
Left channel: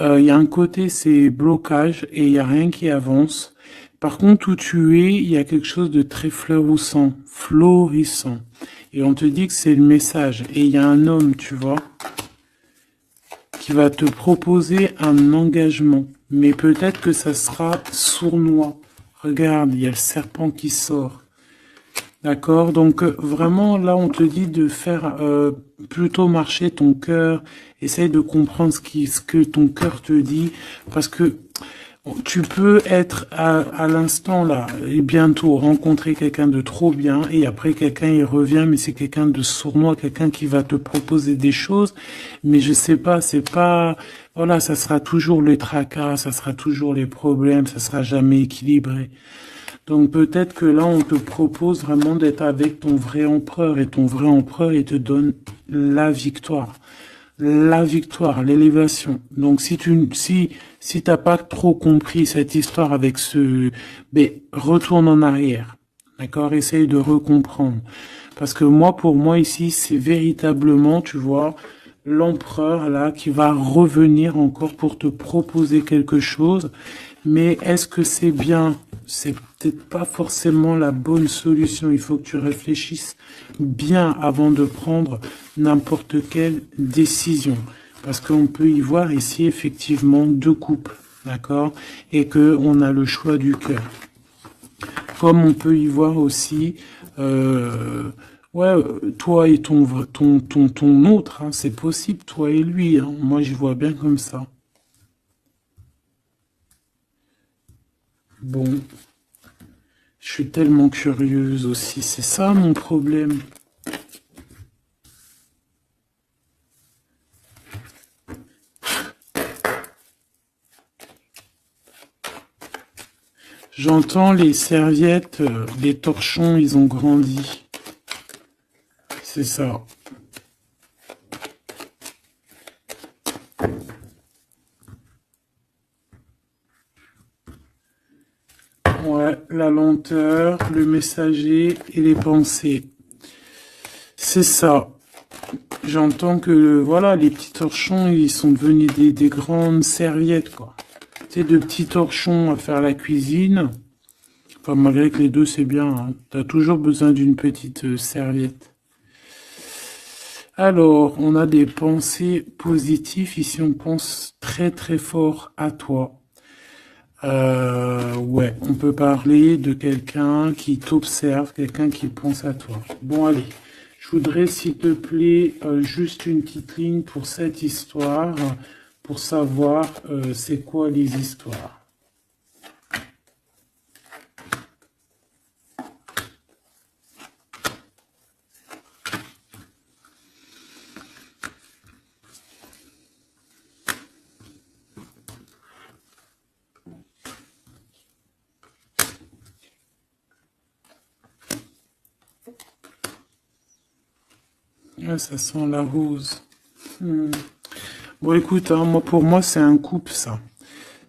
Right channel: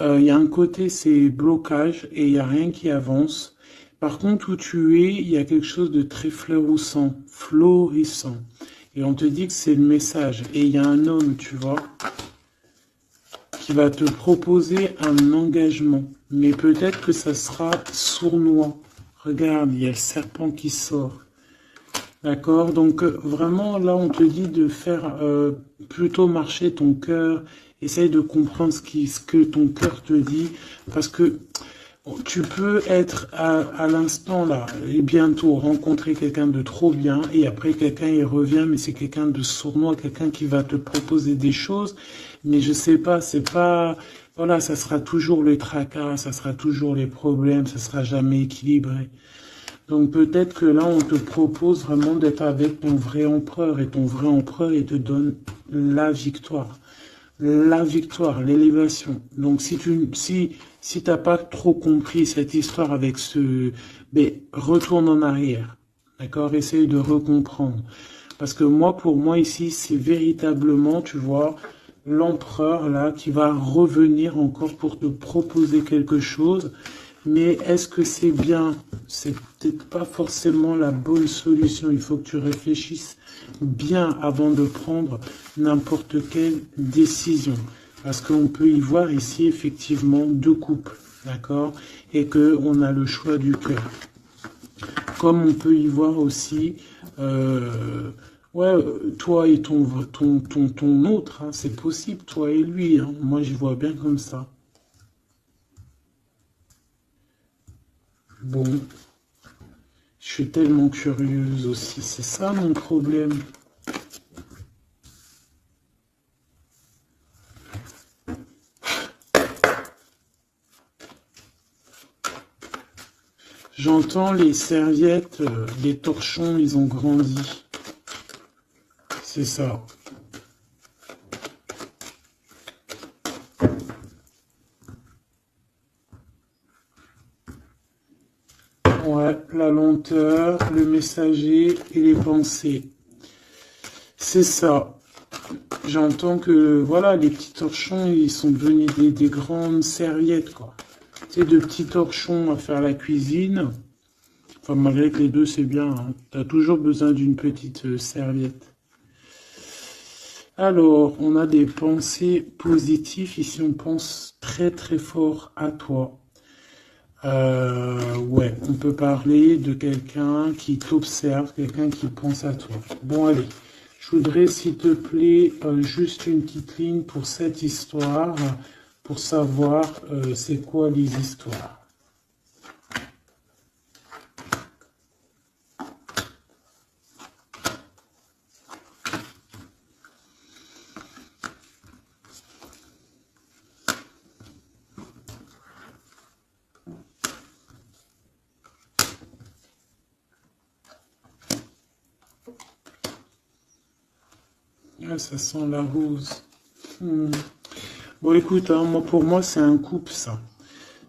Il y a un côté, c'est blocage et il n'y a rien qui avance. Par contre, où tu es, il y a quelque chose de très florissant. Et on te dit que c'est le message. Et il y a un homme, tu vois, qui va te proposer un engagement. Mais peut-être que ça sera sournois. Regarde, il y a le serpent qui sort. D'accord? Donc vraiment, là, on te dit de faire plutôt marcher ton cœur. Essaye de comprendre ce que ton cœur te dit. Parce que Tu peux être à l'instant là et bientôt rencontrer quelqu'un de trop bien et après quelqu'un il revient mais c'est quelqu'un de sournois, quelqu'un qui va te proposer des choses mais je sais pas, c'est pas voilà, ça sera toujours les tracas, ça sera toujours les problèmes, ça sera jamais équilibré. Donc peut-être que là on te propose vraiment d'être avec ton vrai empereur et ton vrai empereur il te donne la victoire, l'élévation. Donc si t'as pas trop compris cette histoire avec ben retourne en arrière, d'accord, essaye de recomprendre. Parce que moi, pour moi ici, c'est véritablement, tu vois, l'empereur là qui va revenir encore pour te proposer quelque chose. Mais est-ce que c'est bien? C'est peut-être pas forcément la bonne solution. Il faut que tu réfléchisses bien avant de prendre n'importe quelle décision. Parce qu'on peut y voir ici effectivement deux couples, d'accord? Et qu'on a le choix du cœur. Comme on peut y voir aussi, ouais, toi et ton autre, hein, c'est possible, toi et lui. Hein. Moi, je vois bien comme ça. Bon, je suis tellement curieuse aussi, c'est ça mon problème. J'entends les serviettes, les torchons, ils ont grandi. C'est ça. Ouais, la lenteur, le messager et les pensées. C'est ça. J'entends que, voilà, les petits torchons, ils sont devenus des grandes serviettes, quoi. C'est de petits torchons à faire la cuisine. Enfin, malgré que les deux, c'est bien. Hein. T'as toujours besoin d'une petite serviette. Alors, on a des pensées positives. Ici, on pense très très fort à toi. Ouais, on peut parler de quelqu'un qui t'observe, quelqu'un qui pense à toi. Bon, allez, je voudrais, s'il te plaît, juste une petite ligne pour cette histoire, pour savoir c'est quoi les histoires. Ah, ça sent la rose. Hmm. Bon, écoute, hein, moi, pour moi, c'est un couple, ça.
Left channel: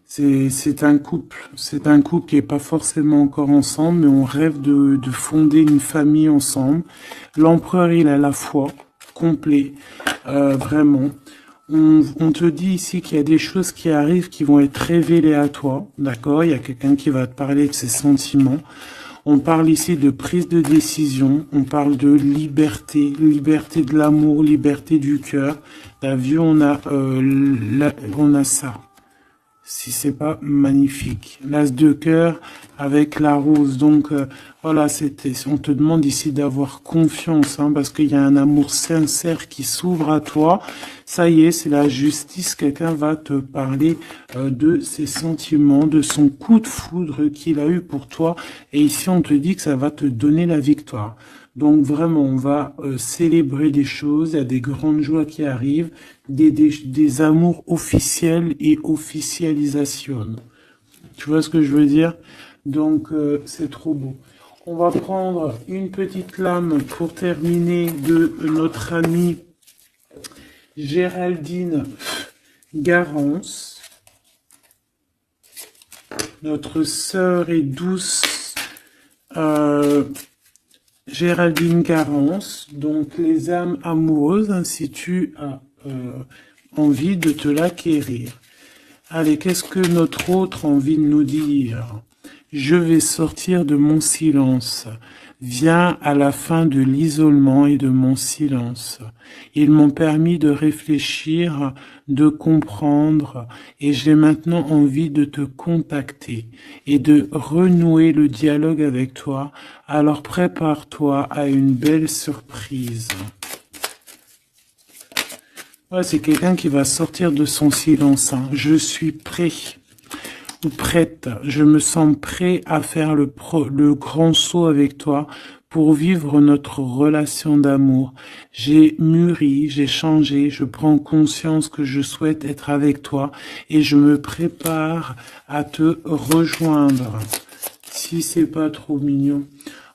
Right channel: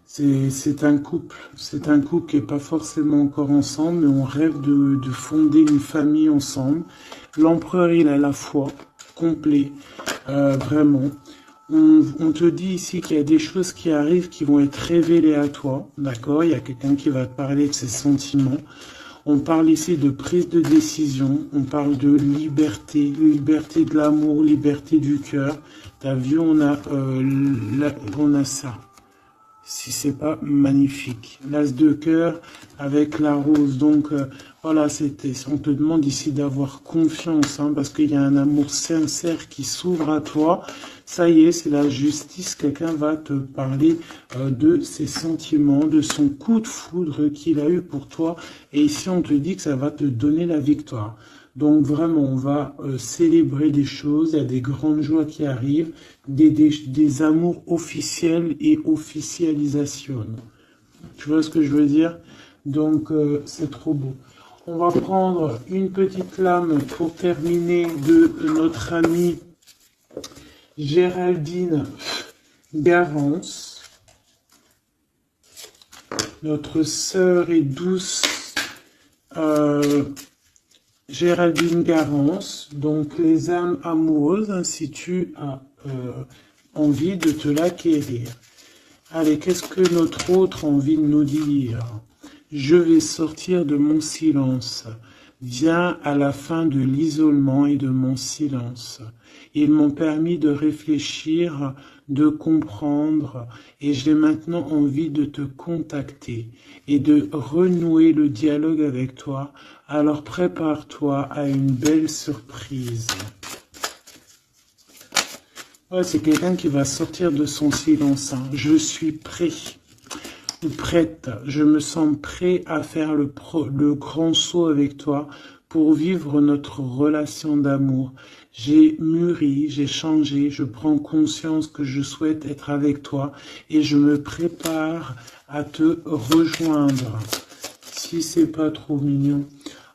C'est un couple. C'est un couple qui n'est pas forcément encore ensemble, mais on rêve de fonder une famille ensemble. L'empereur, il a la foi, complet, vraiment. On te dit ici qu'il y a des choses qui arrivent qui vont être révélées à toi, d'accord? Il y a quelqu'un qui va te parler de ses sentiments. On parle ici de prise de décision, on parle de liberté, liberté de l'amour, liberté du cœur. T'as vu, on a ça. Si c'est pas magnifique. L'as de cœur avec la rose. Donc voilà, on te demande ici d'avoir confiance, hein, parce qu'il y a un amour sincère qui s'ouvre à toi. Ça y est, c'est la justice. Quelqu'un va te parler de ses sentiments, de son coup de foudre qu'il a eu pour toi. Et ici, on te dit que ça va te donner la victoire. Donc vraiment, on va célébrer des choses, il y a des grandes joies qui arrivent, des amours officiels et officialisation. Tu vois ce que je veux dire? Donc c'est trop beau. On va prendre une petite lame pour terminer de notre amie Géraldine Garance, notre sœur et douce Géraldine Garance, donc les âmes amoureuses, si tu as envie de te l'acquérir. Allez, qu'est-ce que notre autre a envie de nous dire? Je vais sortir de mon silence. Viens à la fin de l'isolement et de mon silence. Ils m'ont permis de réfléchir, de comprendre, et j'ai maintenant envie de te contacter et de renouer le dialogue avec toi. Alors prépare-toi à une belle surprise. Ouais, c'est quelqu'un qui va sortir de son silence. Hein. Je suis prêt. prête, je me sens prêt à faire le grand saut avec toi pour vivre notre relation d'amour. J'ai mûri, j'ai changé, je prends conscience que je souhaite être avec toi et je me prépare à te rejoindre. Si c'est pas trop mignon.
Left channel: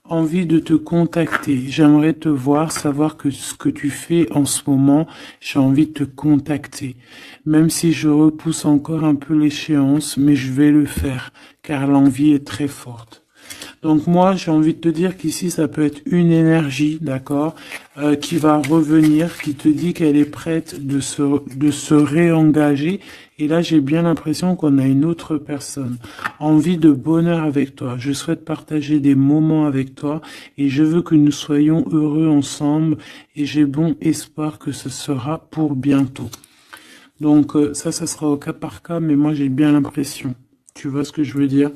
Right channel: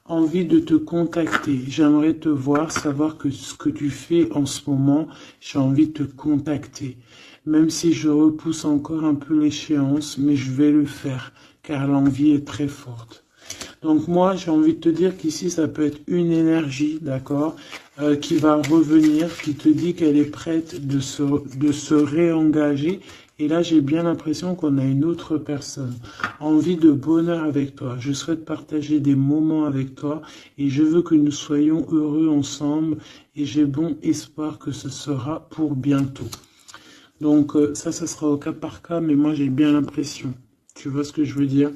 Envie de te contacter. J'aimerais te voir, savoir que ce que tu fais en ce moment, j'ai envie de te contacter. Même si je repousse encore un peu l'échéance, mais je vais le faire, car l'envie est très forte. Donc moi, j'ai envie de te dire qu'ici, ça peut être une énergie, d'accord, qui va revenir, qui te dit qu'elle est prête de se réengager. Et là, j'ai bien l'impression qu'on a une autre personne. Envie de bonheur avec toi. Je souhaite partager des moments avec toi et je veux que nous soyons heureux ensemble et j'ai bon espoir que ce sera pour bientôt. Donc ça, ce sera au cas par cas, mais moi, j'ai bien l'impression. Tu vois ce que je veux dire?